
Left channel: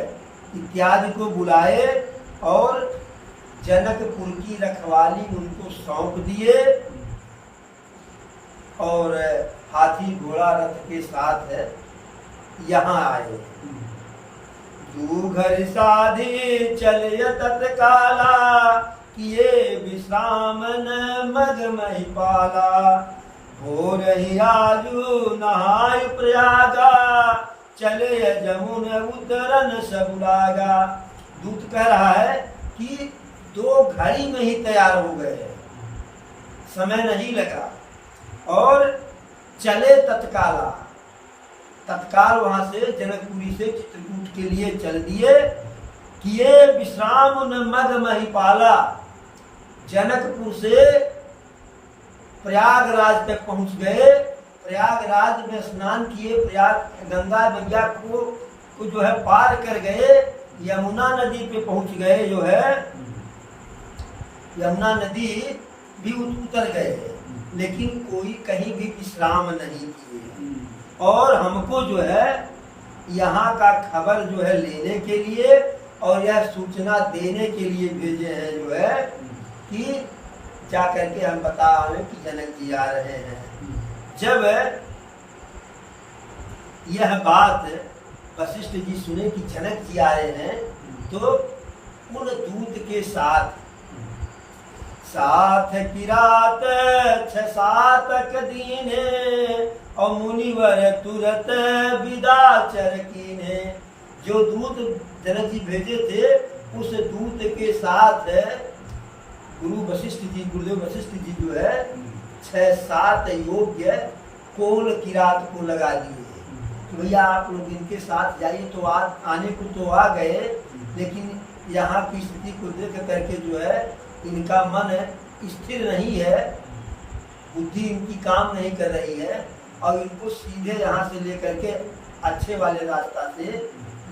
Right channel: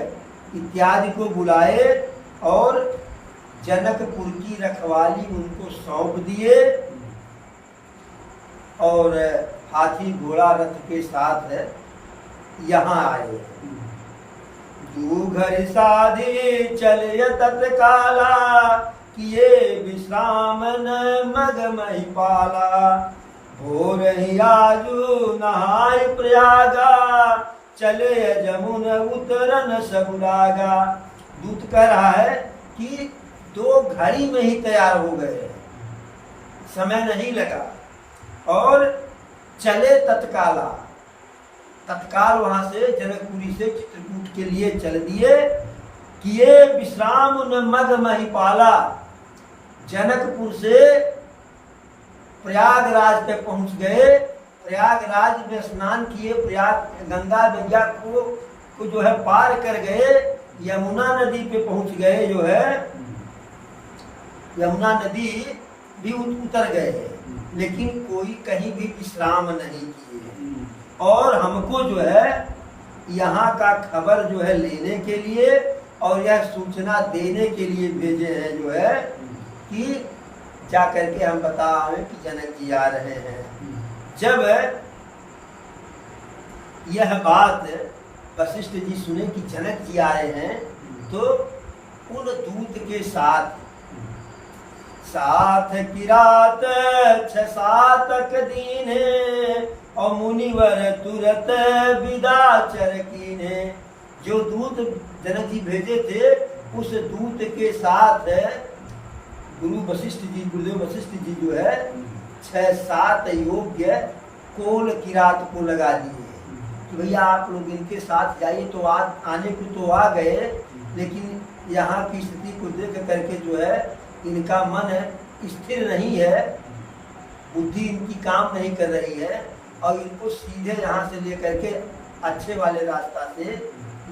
इत्यादि को बुलाए और जनकपुर की रखवाली उनको सौंप दिए और हाथी घोड़ा रथ के साथ यहाँ आए। दू घर साधी चलिए तत्काला किए विश्राम न मग मही पाला। हो रही आजू नहाय प्रयागा चले जमुन उतरन सब लागा। दूत कह रहा है कि 2 घड़ी में ही तैयार हो गए, समय नहीं लगा और चले तत्काला। तत्काल वहां से जनकपुरी से चित्रकूट के लिए चल दिए। किए विश्राम न मग महिपाला। जनकपुर से प्रयागराज तक पहुंच गए। प्रयागराज में स्नान किए, प्रयाग गंगा मैया को जो है पार कर गए, यमुना नदी पे पहुंच गए। जो है यमुना नदी भी उतर गए, लेकिन कोई कहीं भी विश्राम नहीं किए। और हमको जो है यहाँ का खबर जो है लेने के लिए और यह सूचना देने के लिए भेजे हैं, जो है कि जा करके हम बता रहे कि जनक जी आ रहे हैं। जब यह बात वशिष्ठ जी सुने कि जनक जी आ रहे हैं, तो उन दूत के साथ किरात 6-7 दीने और मुनिवर तुरत विदा चर कीने। जो दूत जनक जी भेजे थे, उस दूत के साथ गुरु वशिष्ठ जी, गुरुदेव वशिष्ठ जी जो है 6-7 योग्य कोल किरात को लगा दिए कि भैया आप लोग इनके साथ जाइए। तो आज आने को तो आ गए, लेकिन यहाँ की स्थिति को देख करके जो है इनका मन स्थिर नहीं है, बुद्धि इनकी काम नहीं कर रही है, और इनको सीधे यहाँ से लेकर के अच्छे वाले रास्ता से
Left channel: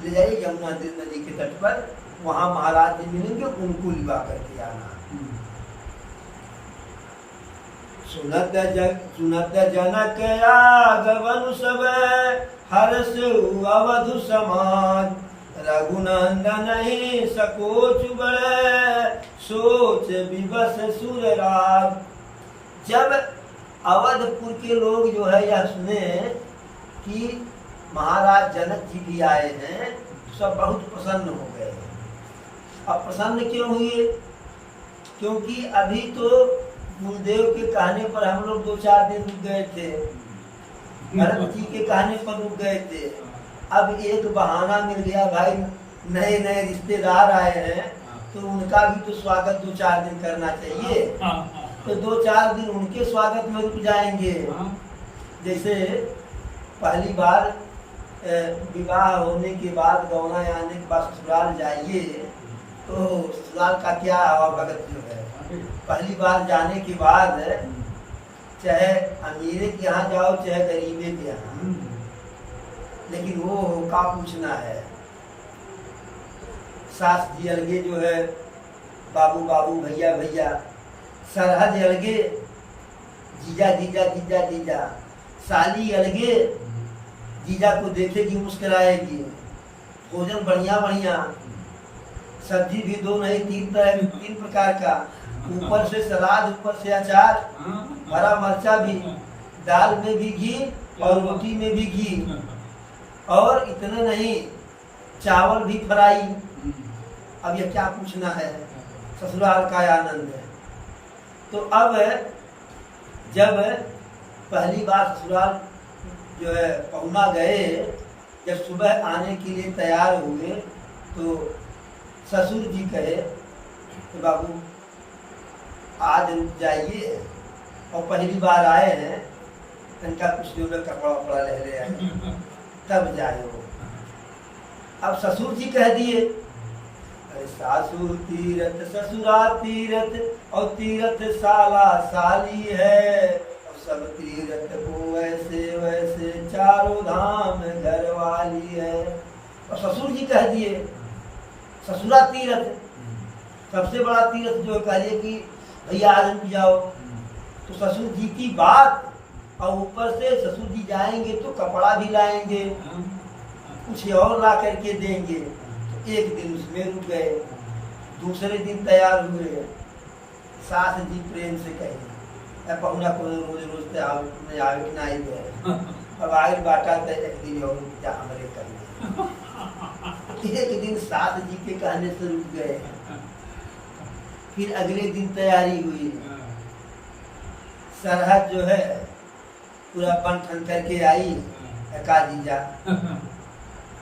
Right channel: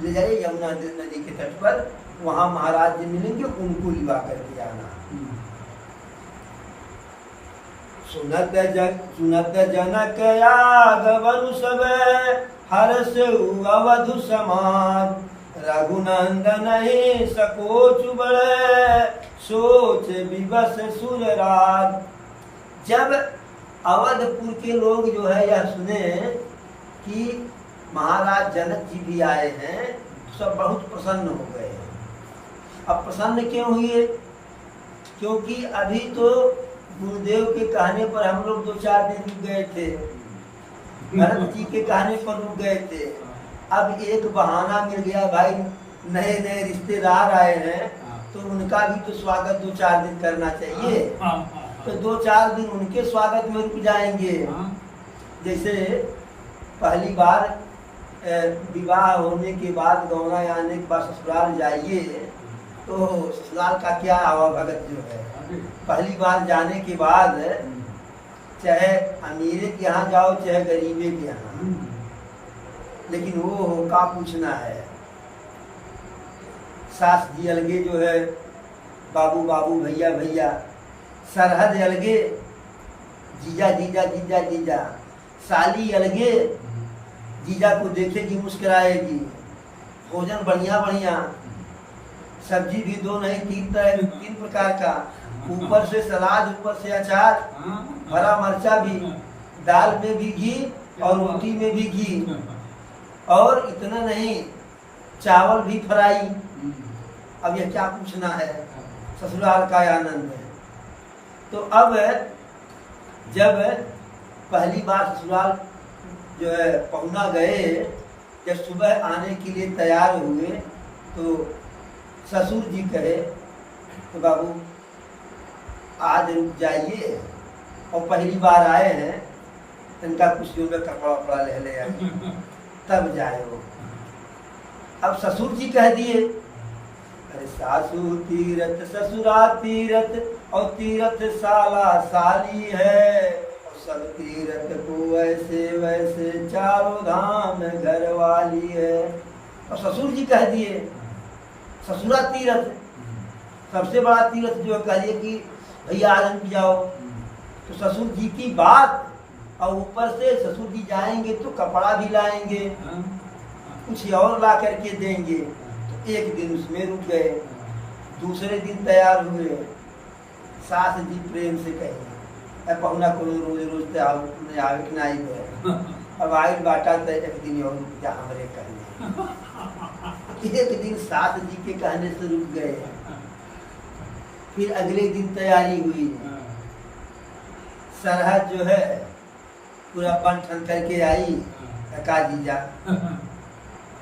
ले जाइए यमुना नदी के तट पर, वहाँ महाराज जी मिलेंगे, उनको लिवा करके आना। सुनत जनक आगमन सब, हर्ष अवधु समाज, रघुनंदन ही सकोच बड़े, सोच विवश सुरराज। जब अवधपुर के लोग जो है यह सुने कि महाराज जनक जी भी आए हैं, सब बहुत प्रसन्न हो गए। अब प्रसन्न क्यों हुए? क्योंकि अभी तो गुरुदेव के कहने पर हम लोग 2-4 दिन रुक गए थे, भरत जी के कहने पर रुक गए थे। अब एक बहाना मिल गया, भाई नए नए रिश्तेदार आए हैं तो उनका भी तो स्वागत 2-4 दिन करना चाहिए, तो 2-4 दिन उनके स्वागत में रुक जाएंगे। जैसे पहली बार विवाह होने के बाद, गौना आने के बाद ससुराल जाइए, तो ससुराल का क्या हवा भगत जो है, पहली बार जाने के बाद चाहे अमीरे के यहाँ जाओ चाहे गरीबे के यहाँ, लेकिन वो का पूछना है। सास जी अलगे जो है, बाबू बाबू भैया भैया, सरहद अलगे, जीजा जीजा जीजा जीजा, साली अलगे, जीजा को देखेगी मुस्कुराएगी, भोजन बढ़िया बढ़िया, सब्जी भी 2 नहीं 3 तरह 3 प्रकार का, ऊपर से सलाद, ऊपर से अचार, हरा मरचा भी, दाल में भी घी और रोटी में भी घी, और इतना नहीं चावल भी फ्राई। अब यह क्या पूछना है, ससुराल का आनंद है। तो अब जब पहली बार ससुराल जो है पहुना गए, जब सुबह आने के लिए तैयार हुए, तो ससुर जी कहे तो बाबू आज रुक जाइए, और पहली बार आए हैं, इनका कुछ जो है कपड़ा वपड़ा ले आए तब जाए वो। अब ससुर जी कह दिए, अरे सासू तीरथ ससुरा तीरथ, और तीरथ साला साली है, और सब तीरथ को वैसे वैसे चारों धाम घर वाली है। और ससुर जी कह दिए ससुरा तीरथ, सबसे बड़ा तीरथ जो कह दिए कि भैया आज हम जाओ, तो ससुर जी की बात, और ऊपर से ससुर जी जाएंगे तो कपड़ा भी लाएंगे, कुछ और ला करके देंगे। तो एक दिन उसमें रुक गए, दूसरे दिन तैयार हुए, सास जी प्रेम से कहे पहुना को रोज रोज आवे कि नहीं गए, अब आयल बाटा तो एक दिन और रुक जा हमारे कहने। एक दिन सास जी के कहने से रुक गए, फिर अगले दिन तैयारी हुई, सरहद जो है पूरा बन ठन करके आई, का जीजा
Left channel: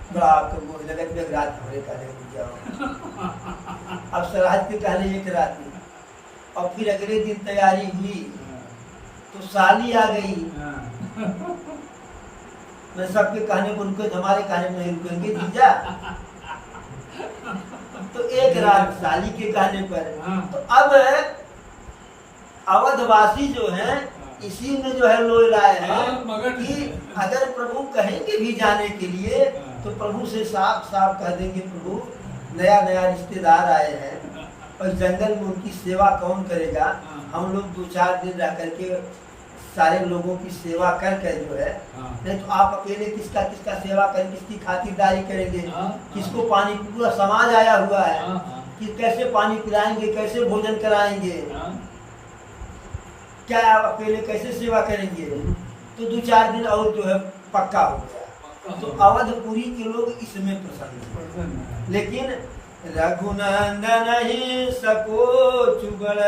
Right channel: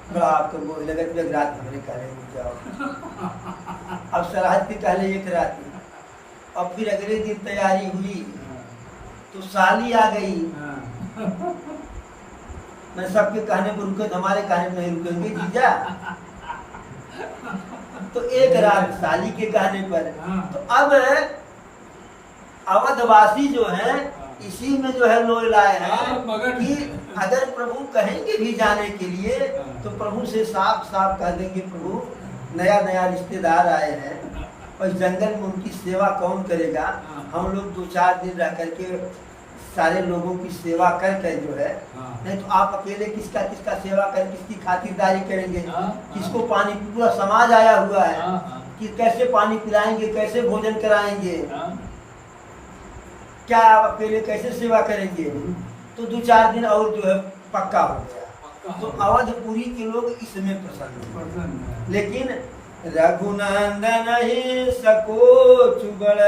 बड़ा आपको बोल लगा कि रात भरे कहने जाओ। अब सरहद के कहले एक रात, और फिर अगले दिन तैयारी हुई तो साली आ गई। मैं सबके कहने पर रुके, हमारे कहने पर नहीं रुकेंगे जीजा। तो एक रात साली के कहने पर, तो अब अवधवासी जो है इसी में जो है लोई लाए हैं कि अगर प्रभु कहेंगे भी जाने के लिए तो प्रभु से साफ साफ कह देंगे, प्रभु नया नया रिश्तेदार आए हैं और जंगल में उनकी सेवा कौन करेगा, हम लोग 2-4 दिन रह करके सारे लोगों की सेवा कर कर जो है, नहीं तो आप अकेले किसका किसका सेवा करें, किसकी खातिरदारी करेंगे, किसको पानी, पूरा समाज आया हुआ है कि कैसे पानी पिलाएंगे, कैसे भोजन कराएंगे, क्या आप अकेले कैसे सेवा करेंगे। तो 2-4 दिन और जो है पक्का हो गया। तो अवधपुरी के लोग इसमें प्रसन्न हैं। लेकिन रघुनंदन ही सको चुगड़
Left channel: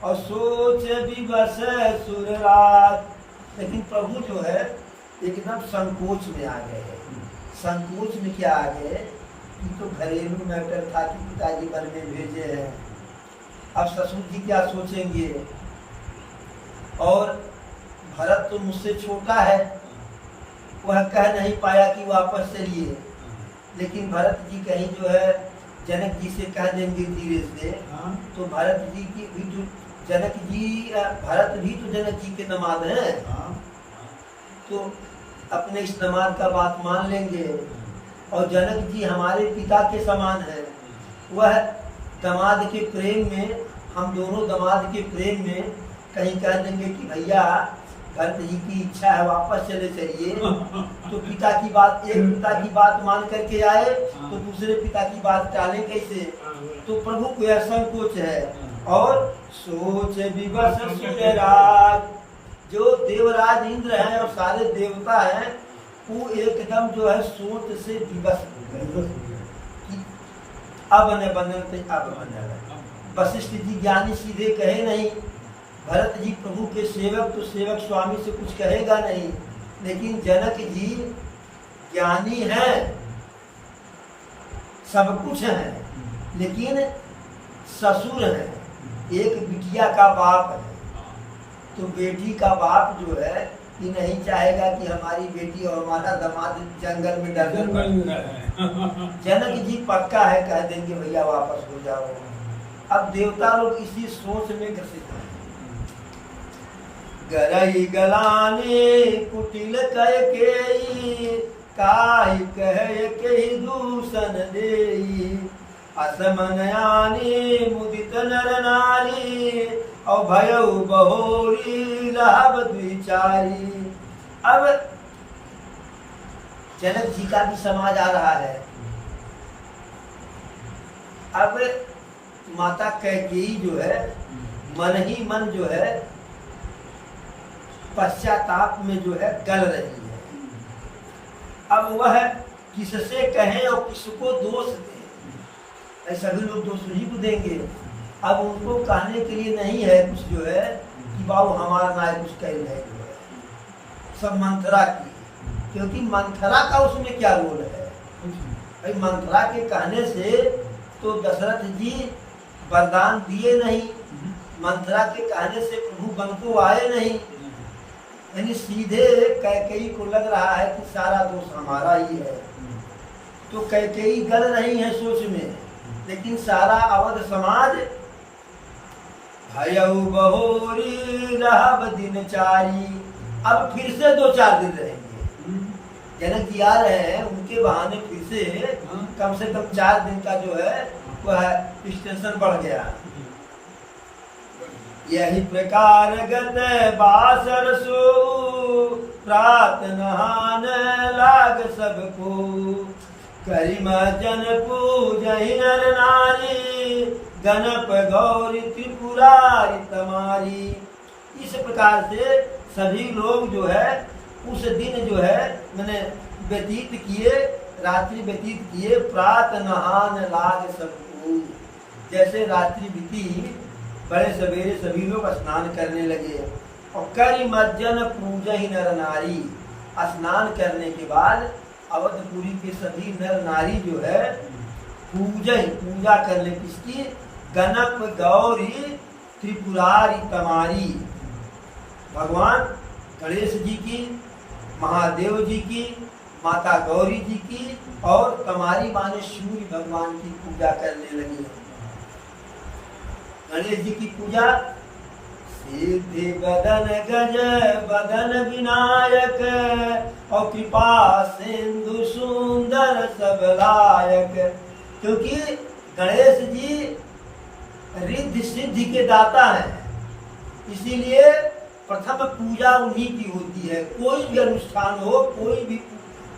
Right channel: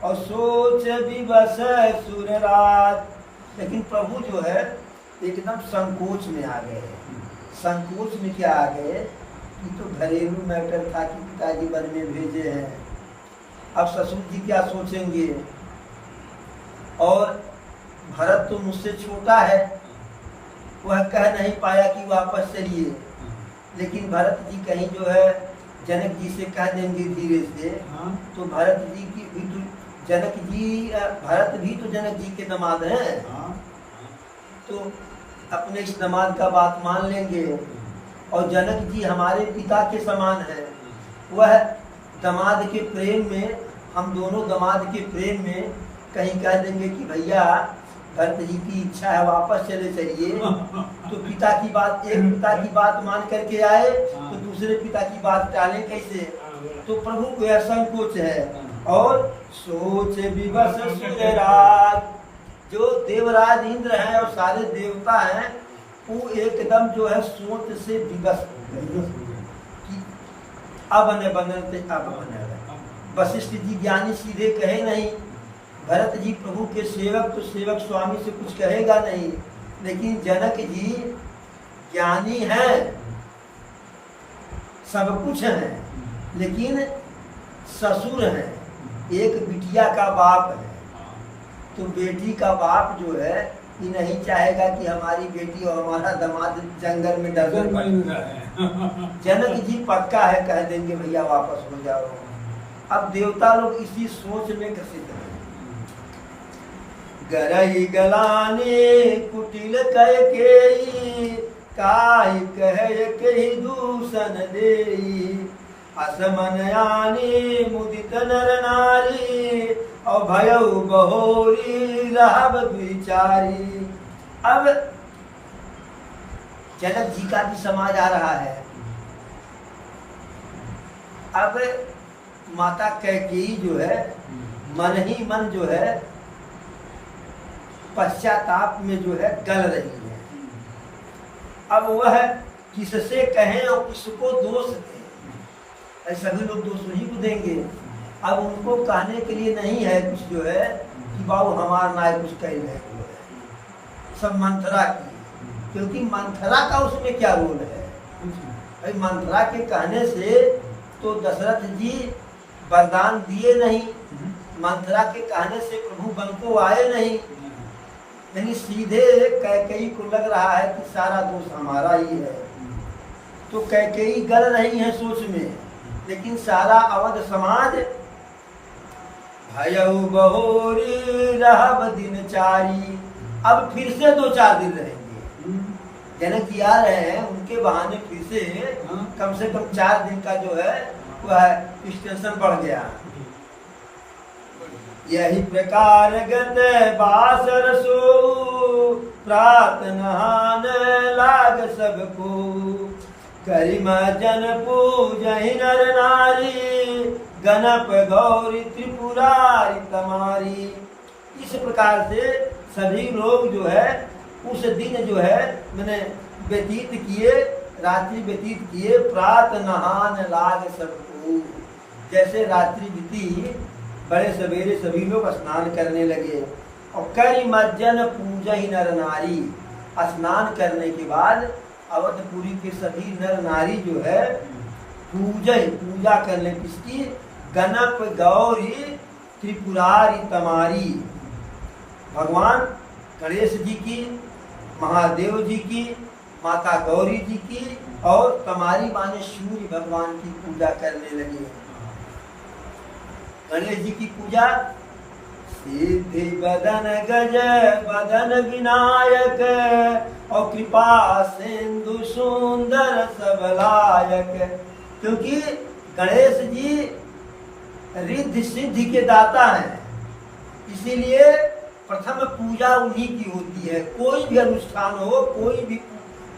और सोच विवश सुरराज, लेकिन प्रभु जो है एकदम संकोच में आ गए। संकोच में क्या आ गए कि तो घरेलू मैटर था कि पिताजी वन में भेजे हैं, अब ससुर जी क्या सोचेंगे, और भरत तो मुझसे छोटा है, वह कह नहीं पाया कि वापस चलिए, लेकिन भरत जी कहीं जो है जनक जी से कह देंगे धीरे से, तो भरत जी की भी जो जनक जी, भरत भी तो जनक जी के दामाद हैं, तो अपने इस दामाद का बात मान लेंगे। और जनक जी हमारे पिता के समान है। वह दामाद के प्रेम में, हम दोनों दामाद के प्रेम में कहीं कह देंगे कि भैया भरत जी की इच्छा है वापस चले चलिए, तो पिता की बात, एक पिता की बात मान करके आए तो दूसरे पिता की बात टालें कैसे? तो प्रभु को यह संकोच है। और सोच विवश सूर्यराज, जो देवराज इंद्र हैं और सारे देवता हैं, वो एकदम जो है सोच से विवश कि अब न बनते अब बने। वशिष्ठ जी ज्ञानी सीधे कहे नहीं, भरत जी प्रभु के सेवक, तो सेवक स्वामी से कुछ कहेगा नहीं, लेकिन जनक जी ज्ञानी हैं, सब कुछ हैं, लेकिन ससुर हैं, एक बिटिया का बाप है। तो बेटी का बाप जो है कि नहीं चाहेगा कि हमारी बेटी और हमारा दामाद जंगल में डर जनक जी पक्का है, कह देंगे भैया वापस हो जाओ। अब देवता लोग इसी सोच में ग्रसित हैं। गरई गलाने कुटिल कह के काई कह के दूषण देई, असमन आने मुदित नर नारी और भयउ बहोरी रहब द्विचारी। अब जनक जी का भी समाज आ रहा है। अब माता कैकेयी जो है मन ही मन जो है पश्चाताप में जो है गल रही है। अब वह किससे कहें और किसको दोष दें? सभी लोग दोष नहीं को देंगे। अब उनको कहने के लिए नहीं है कुछ जो है कि बाबू हमारा नाय कुछ कह रहे, सब मंथरा की, क्योंकि मंथरा का उसमें क्या रोल है? भाई मंथरा के कहने से तो दशरथ जी वरदान दिए नहीं, मंथरा के कहने से प्रभु बन को आए नहीं, यानी सीधे कैकेयी को लग रहा है कि सारा दोष हमारा ही है। तो कैकेयी गल रही है सोच में, लेकिन सारा अवध समाज भयउ बहोरी रहब दिनचारी, अब फिर से 2-4 दिन रहेंगे। जनक जी आ रहे हैं, उनके बहाने फिर से कम 4 दिन का जो है वह स्टेशन बढ़ गया। यही प्रकार गत बासर सो प्रात नहान लाग सबको, करिमा जन पूजहि नर नारी, गणप गौरी त्रिपुरारी तमारी। इस प्रकार से सभी लोग जो है उस दिन जो है मैंने व्यतीत किए, रात्रि व्यतीत किए। प्रात नहान लाग सबको, जैसे रात्रि बीती बड़े सवेरे सभी लोग स्नान करने लगे। और करिमज्जन पूजहि नर नारी, स्नान करने के बाद अवधपुरी के सभी नर नारी जो है पूजा करने किसकी? गणप गौरी त्रिपुरारी तमारी, भगवान गणेश जी की, महादेव जी की, माता गौरी जी की और तमारी माने सूर्य भगवान की पूजा करने लगी। गणेश जी की पूजा सिद्धि बदन गज बदन विनायक, और कृपा सिंधु सुंदर सबलायक। क्योंकि गणेश जी रिद्धि सिद्धि के दाता हैं, इसीलिए प्रथम पूजा उन्हीं की होती है। कोई भी अनुष्ठान हो, कोई भी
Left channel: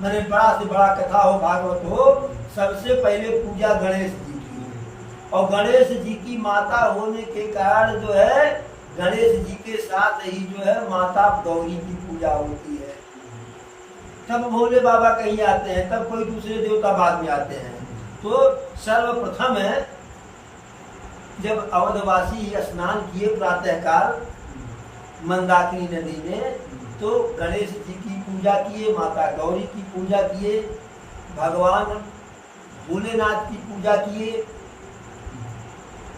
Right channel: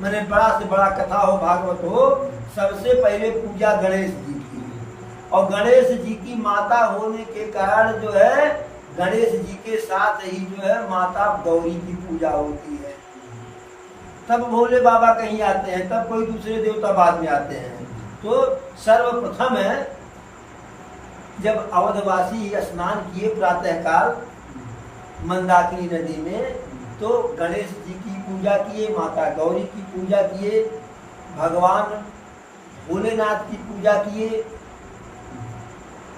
मैंने बड़ा से बड़ा कथा हो, भागवत हो, सबसे पहले पूजा गणेश जी की। और गणेश जी की माता होने के कारण जो है गणेश जी के साथ ही जो है माता गौरी की पूजा होती है। तब भोले बाबा कहीं आते हैं, तब कोई दूसरे देवता बाद में आते हैं। तो सर्वप्रथम है जब अवधवासी स्नान किए प्रातःकाल मंदाकिनी नदी में, तो गणेश जी की पूजा किए, माता गौरी की पूजा किए, भगवान भोलेनाथ की पूजा किए।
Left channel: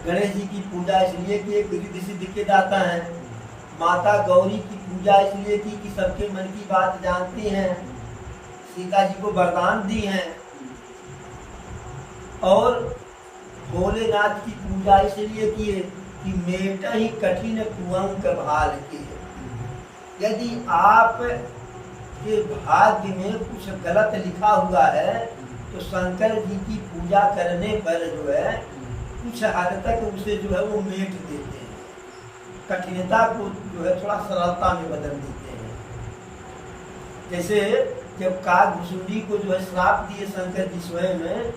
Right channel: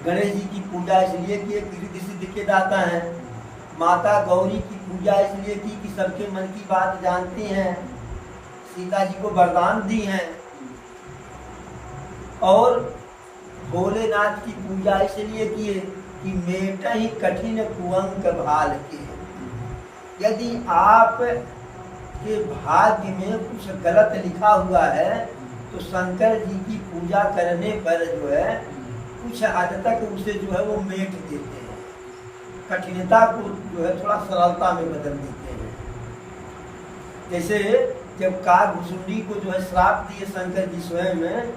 गणेश जी की पूजा इसलिए की रिद्धि सिद्धि के दाता हैं, माता गौरी की पूजा इसलिए की कि सबके मन की बात जानती हैं, सीता जी को वरदान दी हैं, और भोलेनाथ की पूजा इसलिए किए कि मेट ही कठिन कुअंक भाल के। यदि आप के भाग्य में कुछ गलत लिखा हुआ है तो शंकर जी की पूजा करने पर जो है कुछ हद तक उसे जो है वो मेट देते हैं, कठिनता को जो है थोड़ा सरलता में बदल देते हैं। जैसे जब काकभुसुंडी को जो है श्राप दिए शंकर जी स्वयं में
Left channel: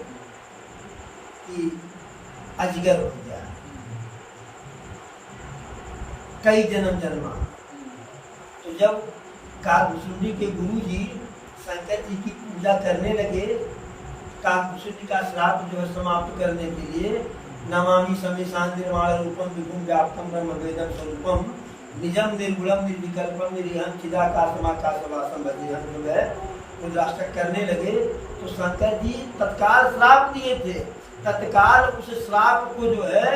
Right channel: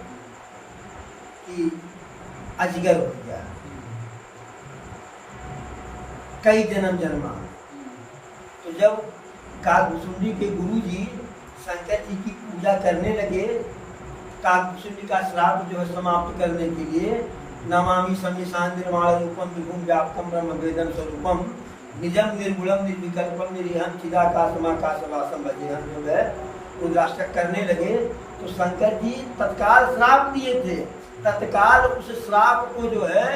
कि अजगर हो गया, कई जन्म जन्मा, तो जब काकभुसुंडी के गुरु जी शंकर जी की पूजा करने लगे, काकभुसुंडी का श्राप जो है समाप्त करने के लिए नमामि समीशान निर्माण रूपम विभुम व्याप्तम ब्रह्म वेदम स्वरूपम निजम निर्गुणम निर्विकल्पम निरीहम चिदाकाशमाकाशवासम भजेहम जो है रुद्राष्टक करने लगे, तो शंकर जी तत्काल श्राप दिए थे, तत्काल उस श्राप को जो है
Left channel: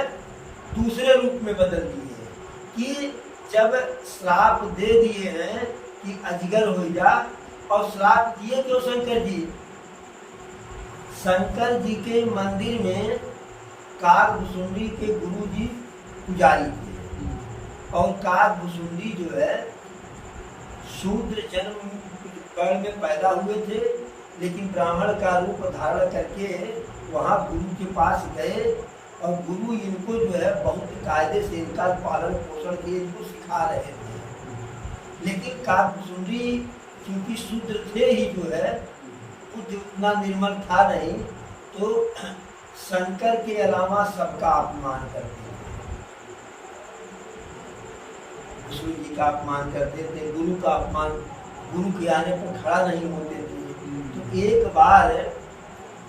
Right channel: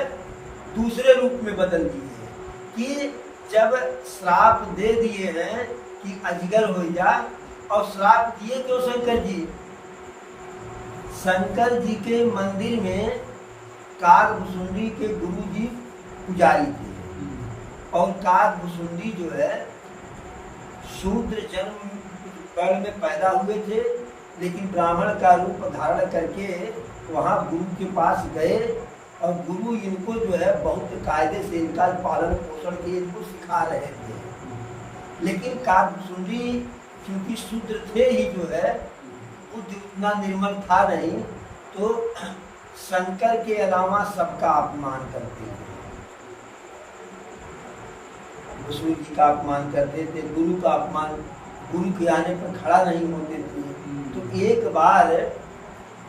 दूसरे रूप में बदल दिए कि जब श्राप दे दिए हैं कि अजगर हो जा, और श्राप दिए क्यों शंकर जी? शंकर जी के मंदिर में काकभुसुंडी के गुरु जी पुजारी थे, और काकभुसुंडी जो है शूद्र जन्म काल में पैदा हुए थे, लेकिन ब्राह्मण का रूप धारण करके वहाँ गुरु के पास गए, और गुरु इनको जो है बहुत कायदे से इनका पालन पोषण के इनको सिखा रहे थे। लेकिन काकभुसुंडी क्योंकि शूद्र थे ही जो है वो जितना निर्मल था नहीं, तो शंकर के अलावा सबका अपमान करते थे, विष्णु जी का अपमान करते थे, गुरु का अपमान, गुरु के आने पर खड़ा नहीं होते थे। तो एक बार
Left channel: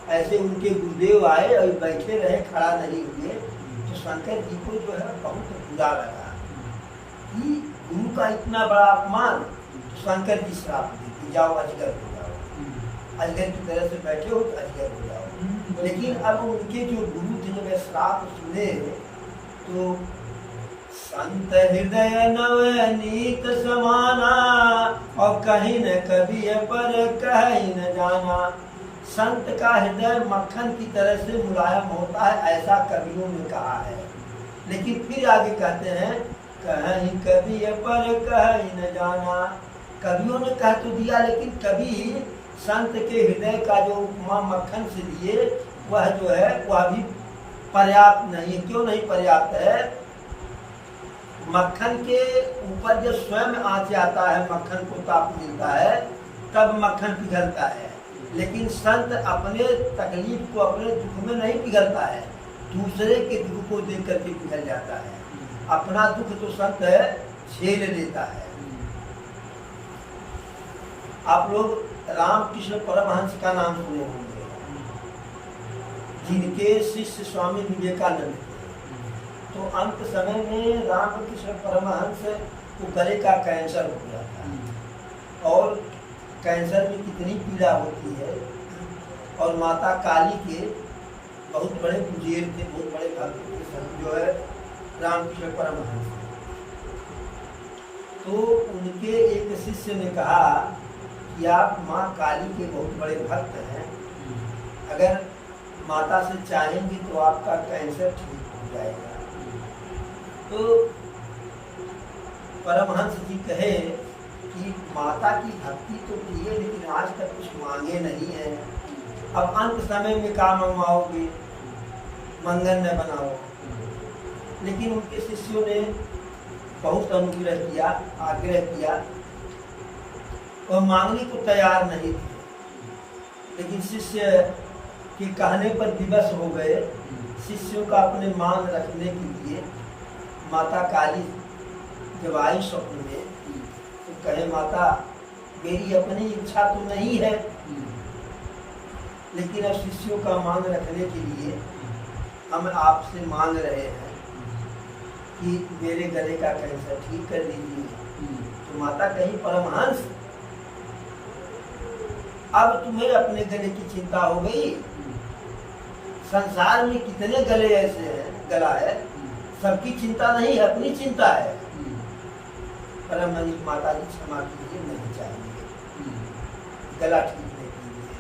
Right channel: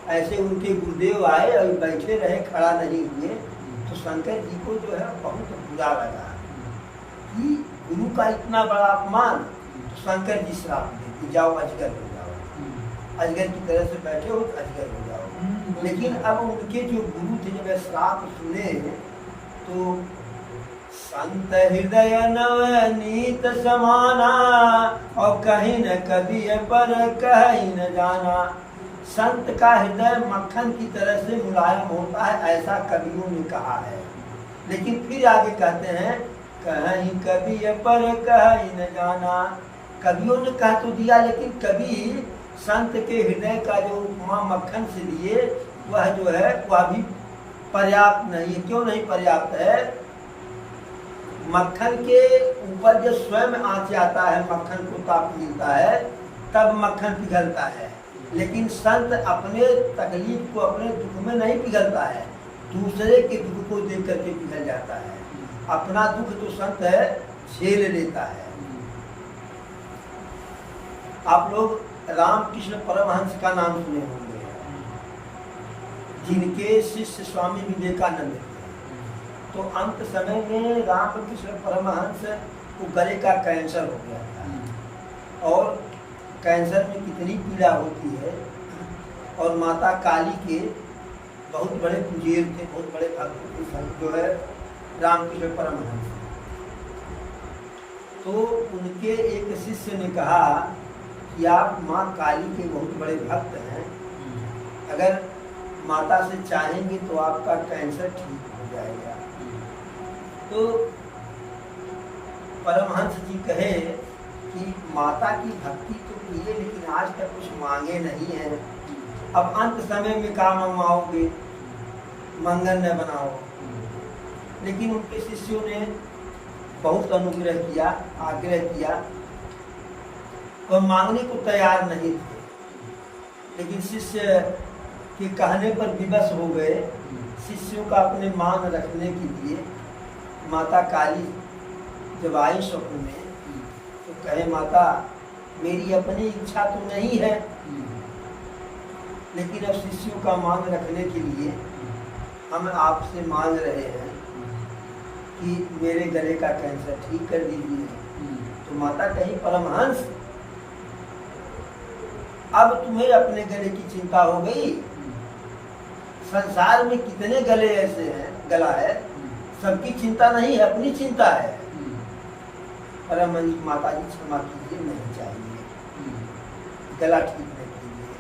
ऐसे उनके गुरुदेव आए और बैठे रहे, खड़ा नहीं हुए, तो शंकर जी को जो है बहुत बुरा लगा कि गुरु का इतना बड़ा अपमान। तो शंकर जी श्राप देते, जाओ अजगर हो जाओ, अजगर की तरह से बैठे हो तो अजगर हो जाओ। लेकिन अब उनके जो गुरु थे जब श्राप सुने तो संत हृदय नवनीत समाना, और कहीं न कभी पर कहीं न जाना। संत का हृदय मक्खन की तरह से मुलायम होता है, ऐसा कवियों ने कहा है। लेकिन फिर आगे कहते हैं कहीं कभी पर कहीं न जाना। कवियों ने कह तो दिया, लेकिन कभी संत के हृदय का जो उपमा मक्खन से लिए वह जो है वह भी पर्याप्त नहीं है। क्यों नहीं पर्याप्त है? मक्खन के ऊपर जब स्वयं आँच आता है, मक्खन को ताप मिलता है, तब मक्खन पिघलता है। लेकिन संत अपने तकलीफ को, अपने दुख में नहीं पिघलता है, दूसरे के दुख को देख करके पिघल जाता है। अपना दुख तो संत है झेल लेता है। आप लोग रामकृष्ण परमहंस का नाम सुने होंगे, जिनके शिष्य स्वामी विवेकानंद थे। तो अंत समय में रामकृष्ण परमहंस को गले का कैंसर हो गया था, और कैंसर में कितनी पीड़ा होती है, और माता काली के बहुत बड़े पुजेर थे, बहुत बड़े भक्त थे जो है रामकृष्ण परमहंस। तो उनके एक शिष्य ने कहा कि आप माँ काली के बहुत बड़े भक्त हैं, अगर माता से चाहेंगे तो आपका कैंसर ठीक हो जाएगा। तो परमहंस जी कहे कि माता की भक्ति तो की है, लेकिन आज तक कुछ मांगे नहीं है। अब अंत समय में क्या मंगवाओगे? मंगन न बनाओ। लेकिन उनके शिष्यों ने बहुत अनुग्रह किया, आग्रह किया, वह मांगने को तैयार नहीं थे। लेकिन शिष्य के कहने पर विवश हो गए। शिष्यों का अपने मांग रखने के लिए माता काली जब आई स्वप्न में, तो कहे माता मेरी अपनी इच्छा तो नहीं है, लेकिन अब शिष्यों का मांग रखने के लिए हम आपसे मांग रहे हैं कि मेरे गले का कैंसर ठीक कर दीजिए। तो माता कही परमहंस अब तुम्हें अपने गले की चिंता हो गई? संसार में कितने गले ऐसे हैं, गला है, सबकी चिंता नहीं है, अपनी चिंता है। परमहंस माता जी क्षमा कीजिए, नहीं चाहिए, गला ठीक नहीं कीजिए,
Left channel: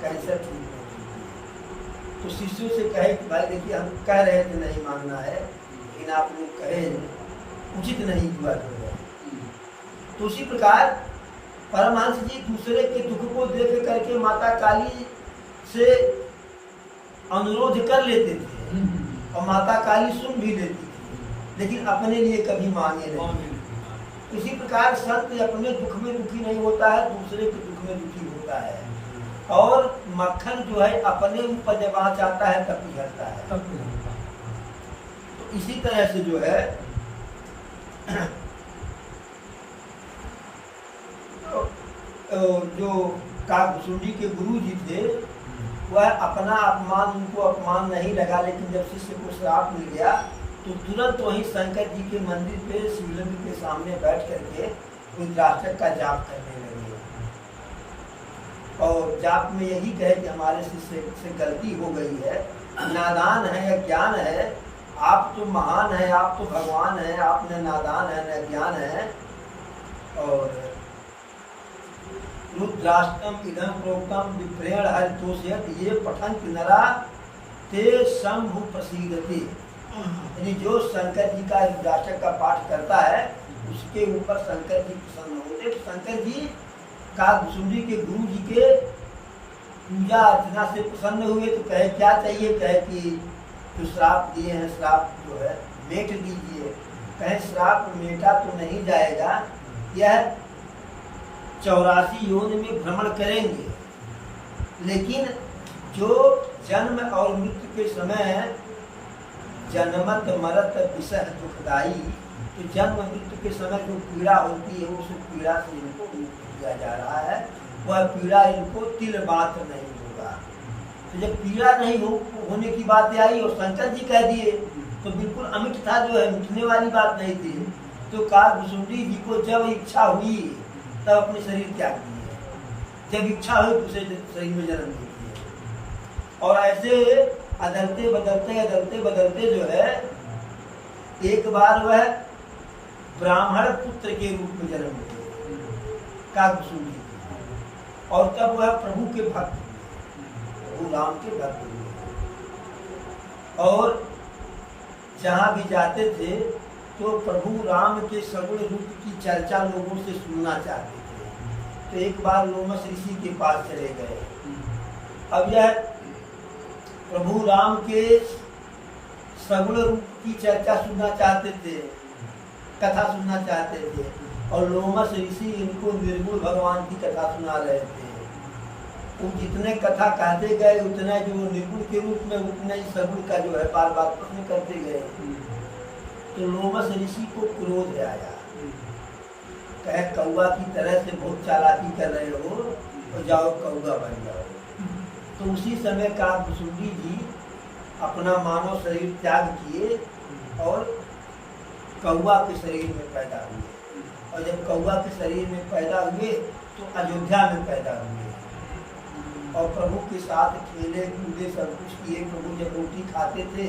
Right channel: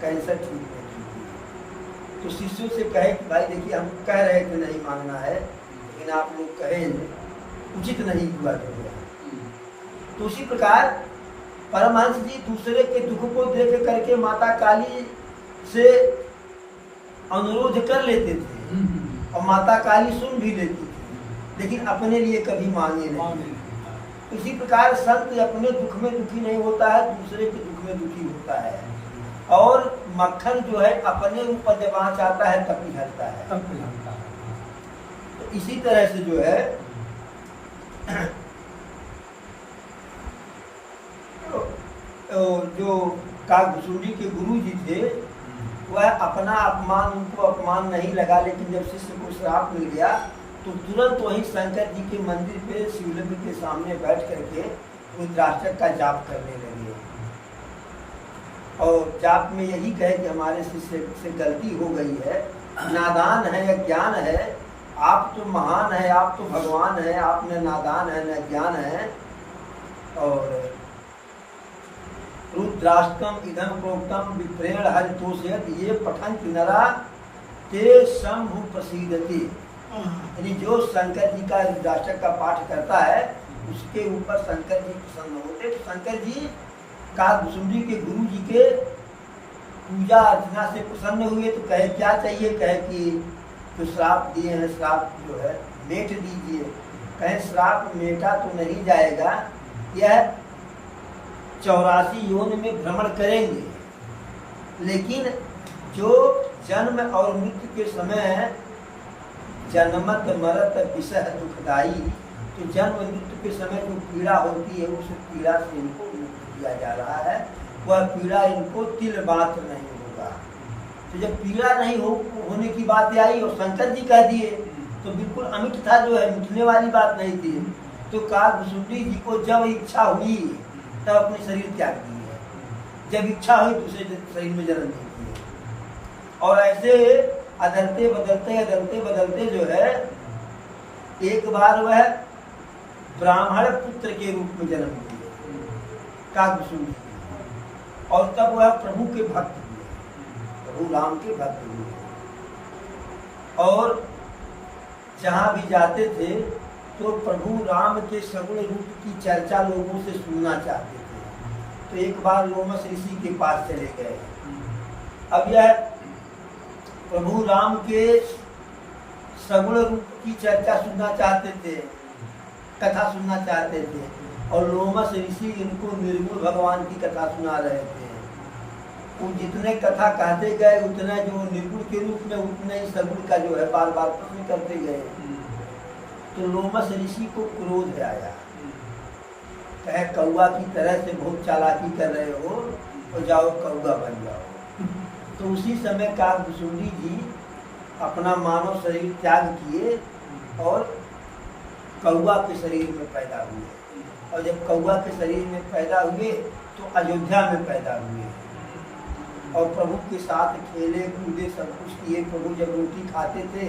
कैंसर ठीक नहीं कीजिए। तो शिष्यों से कहे कि भाई देखिए हम कह रहे थे नहीं मांगना है, लेकिन आप लोग कहे उचित नहीं हुआ जो है। तो उसी प्रकार परमहंस जी दूसरे के दुख को देख करके माता काली से अनुरोध कर लेते थे और माता काली सुन भी लेती थी, लेकिन अपने लिए कभी मांगे नहीं। उसी प्रकार संत अपने दुख में दुखी नहीं होता है, दूसरे के दुख में दुखी होता है। और मक्खन जो है अपने ऊपर जब आँच आता है तब पिघलता है। तो इसी तरह से जो है जो काकभुसुंडी के गुरु जी थे वह अपना अपमान, उनको अपमान नहीं लगा, लेकिन जब शिष्य को श्राप मिल गया तो तुरंत वही शंकर जी के मंदिर पे शिवलिंग के सामने बैठ करके रुद्राष्टक का जाप करने लगे और जाप में यही कहे कि हमारे शिष्य से गलती हो गई है, नादान है, अज्ञान है, आप तो महान है, आप तो भगवान है, आप न नादान है न ज्ञान है। और रुद्राष्टकम इदम प्रोक्तम विप्रेण हरितोषयत ये पठन नरा ते शंभु प्रसीदति। यानी जो शंकर जी का रुद्राष्टक का पाठ करता है उसके ऊपर शंकर जी प्रसन्न होते। तो शंकर जी काकभुसुंडी के गुरु जी के पूजा अर्चना से प्रसन्न हुए। तो कहे क्या चाहिए, कहे कि जो श्राप दिए हैं श्राप जो है मेट दीजिए। कहे श्राप मेटा तो नहीं जाएगा, यह 84 योनि में भ्रमण करेंगे, लेकिन जो जन्म और मृत्यु के समय जन्मत मरत विषह दुखदाई, तो जन्म मृत्यु के समय जो पीड़ा होती है उस पीड़ा से इनको मुक्त किया जा रहा है। वह पीड़ा इनको तिल मात्र नहीं होगा। तो जब पीड़ा नहीं होने की बात आई और शंकर जी कह दिए तो बिल्कुल अमिट था, जो है मिटने वाली बात नहीं थी। तो काकभुसुंडी जी को जब इच्छा हुई तब अपने शरीर त्याग दिए, जब इच्छा हुई दूसरे शरीर में जन्म नहीं दिए। और ऐसे अदलते बदलते जो है एक बार वह ब्राह्मण पुत्र के रूप में जन्म लिए काकभुसुंडी, और तब वह प्रभु के भक्त हुए, प्रभु राम के भक्त हुए। और जहाँ भी जाते थे तो प्रभु राम के सगुण रूप की चर्चा लोगों से सुनना चाहते थे। तो एक बार लोमस ऋषि के पास चले गए। अब यह प्रभु राम के सगुण रूप की चर्चा सुनना चाहते थे, कथा सुनना चाहते थे, और लोमस ऋषि इनको निर्गुण भगवान की कथा सुना रहे थे। वो जितने कथा कहते गए उतने जो निर्गुण के रूप में उतने ही सगुण का जो है बार बार प्रश्न करते गए। तो लोमस ऋषि को क्रोध आया, कहे कौआ की तरह से बहुत चालाकी कर रहे हो तो जाओ कौआ बन जाओ। तो उसी समय काकभुसुंडी जी अपना मानव शरीर त्याग किए और कौआ के शरीर में पैदा हुए। और जब कौआ के शरीर में पैदा हुए तो अयोध्या में पैदा हुए और प्रभु के साथ खेले कूदे सब कुछ किए। प्रभु जब रोटी खाते थे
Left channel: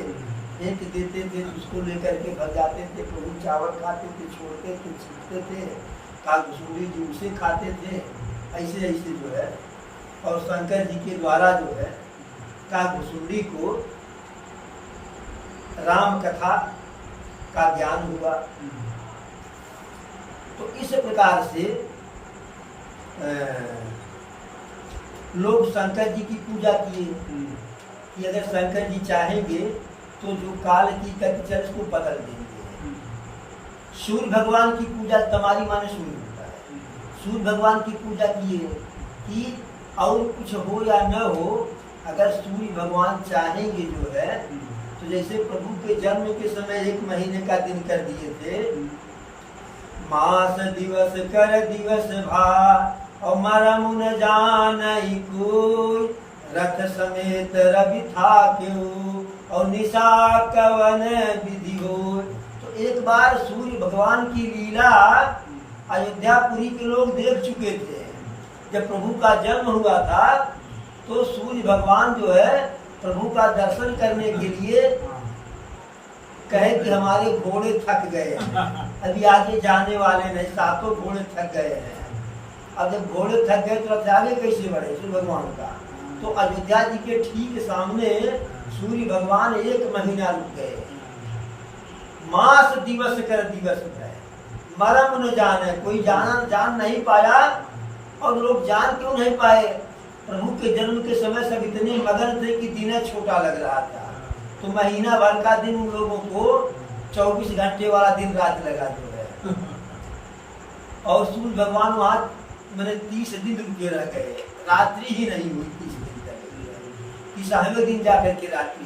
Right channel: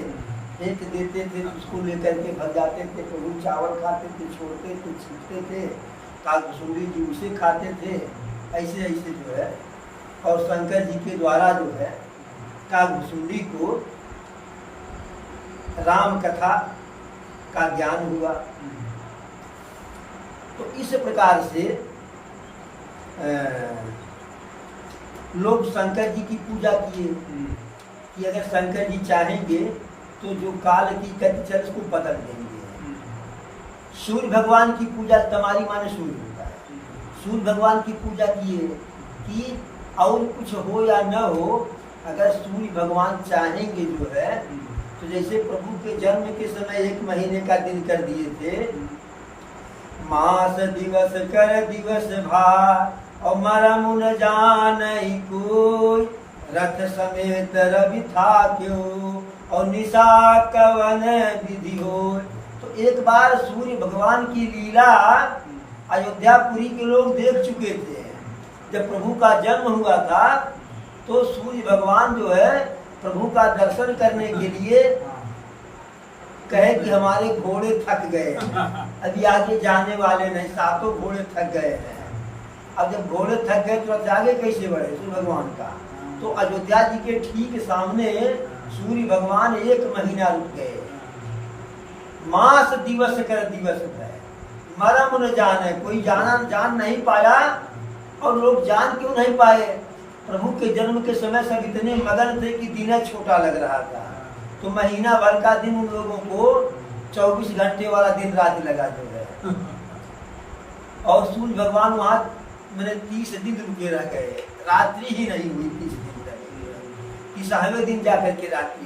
एक देते थे तो उसको लेकर के भग जाते थे। प्रभु चावल खाते थे, छोड़ते थे, छींटते थे, काकभुसुंडी जी उसे खाते थे। ऐसे ऐसे जो है और शंकर जी के द्वारा जो है काकभुसुंडी को राम कथा का ज्ञान हुआ। तो इस प्रकार से लोग शंकर जी की पूजा किए कि अगर शंकर जी चाहेंगे तो जो काल की गति चल उसको बदल देंगे। सूर्य भगवान की पूजा, तमारी माने सूर्य होता है, सूर्य भगवान की पूजा किए कि और कुछ हो या न हो, अगर सूर्य भगवान चाहेंगे जो है तो जैसे प्रभु के जन्म के समय 1 महीने का दिन कर दिए थे, मास दिवस कर दिवस भा और मरम न जानई कोई, रथ समेत रवि था क्यों और निशा कवन विधि हो। तो एक बार सूर्य भगवान की लीला अयोध्यापुरी के लोग देख चुके थे। जब प्रभु का जन्म हुआ था तो सूर्य भगवान जो है प्रभु का दर्शन करने के लिए कहे कि हमारे घोड़े थक गए हैं, अभी आगे जाने वाले नहीं, 7 घोड़े थक गए हैं। अब जब घोड़े थक गए तो अब आगे कैसे बढ़े सूर्य भगवान का। तो अयोध्या जी के ठीक सामने सूर्य भगवान 1 महीना रुक गए। मास दिवस कर दिवस है, मरम न जाने, कोई जान नहीं पाया। और लोग जान क्यों नहीं पाए? प्रभु के जन्म के समय सब इतने मगन थे कि दिन छोटा लग रहा था। तो महीना भर का दिन उन लोगों को 24 घंटे वाला दिन रात लगा जो है। और सूर्य भगवान वहां मैंने 30 दिन रुके रह गए, रात्रि ही नहीं हुई 30 दिन तक, कि 7वें दिन जाकर के रात्रि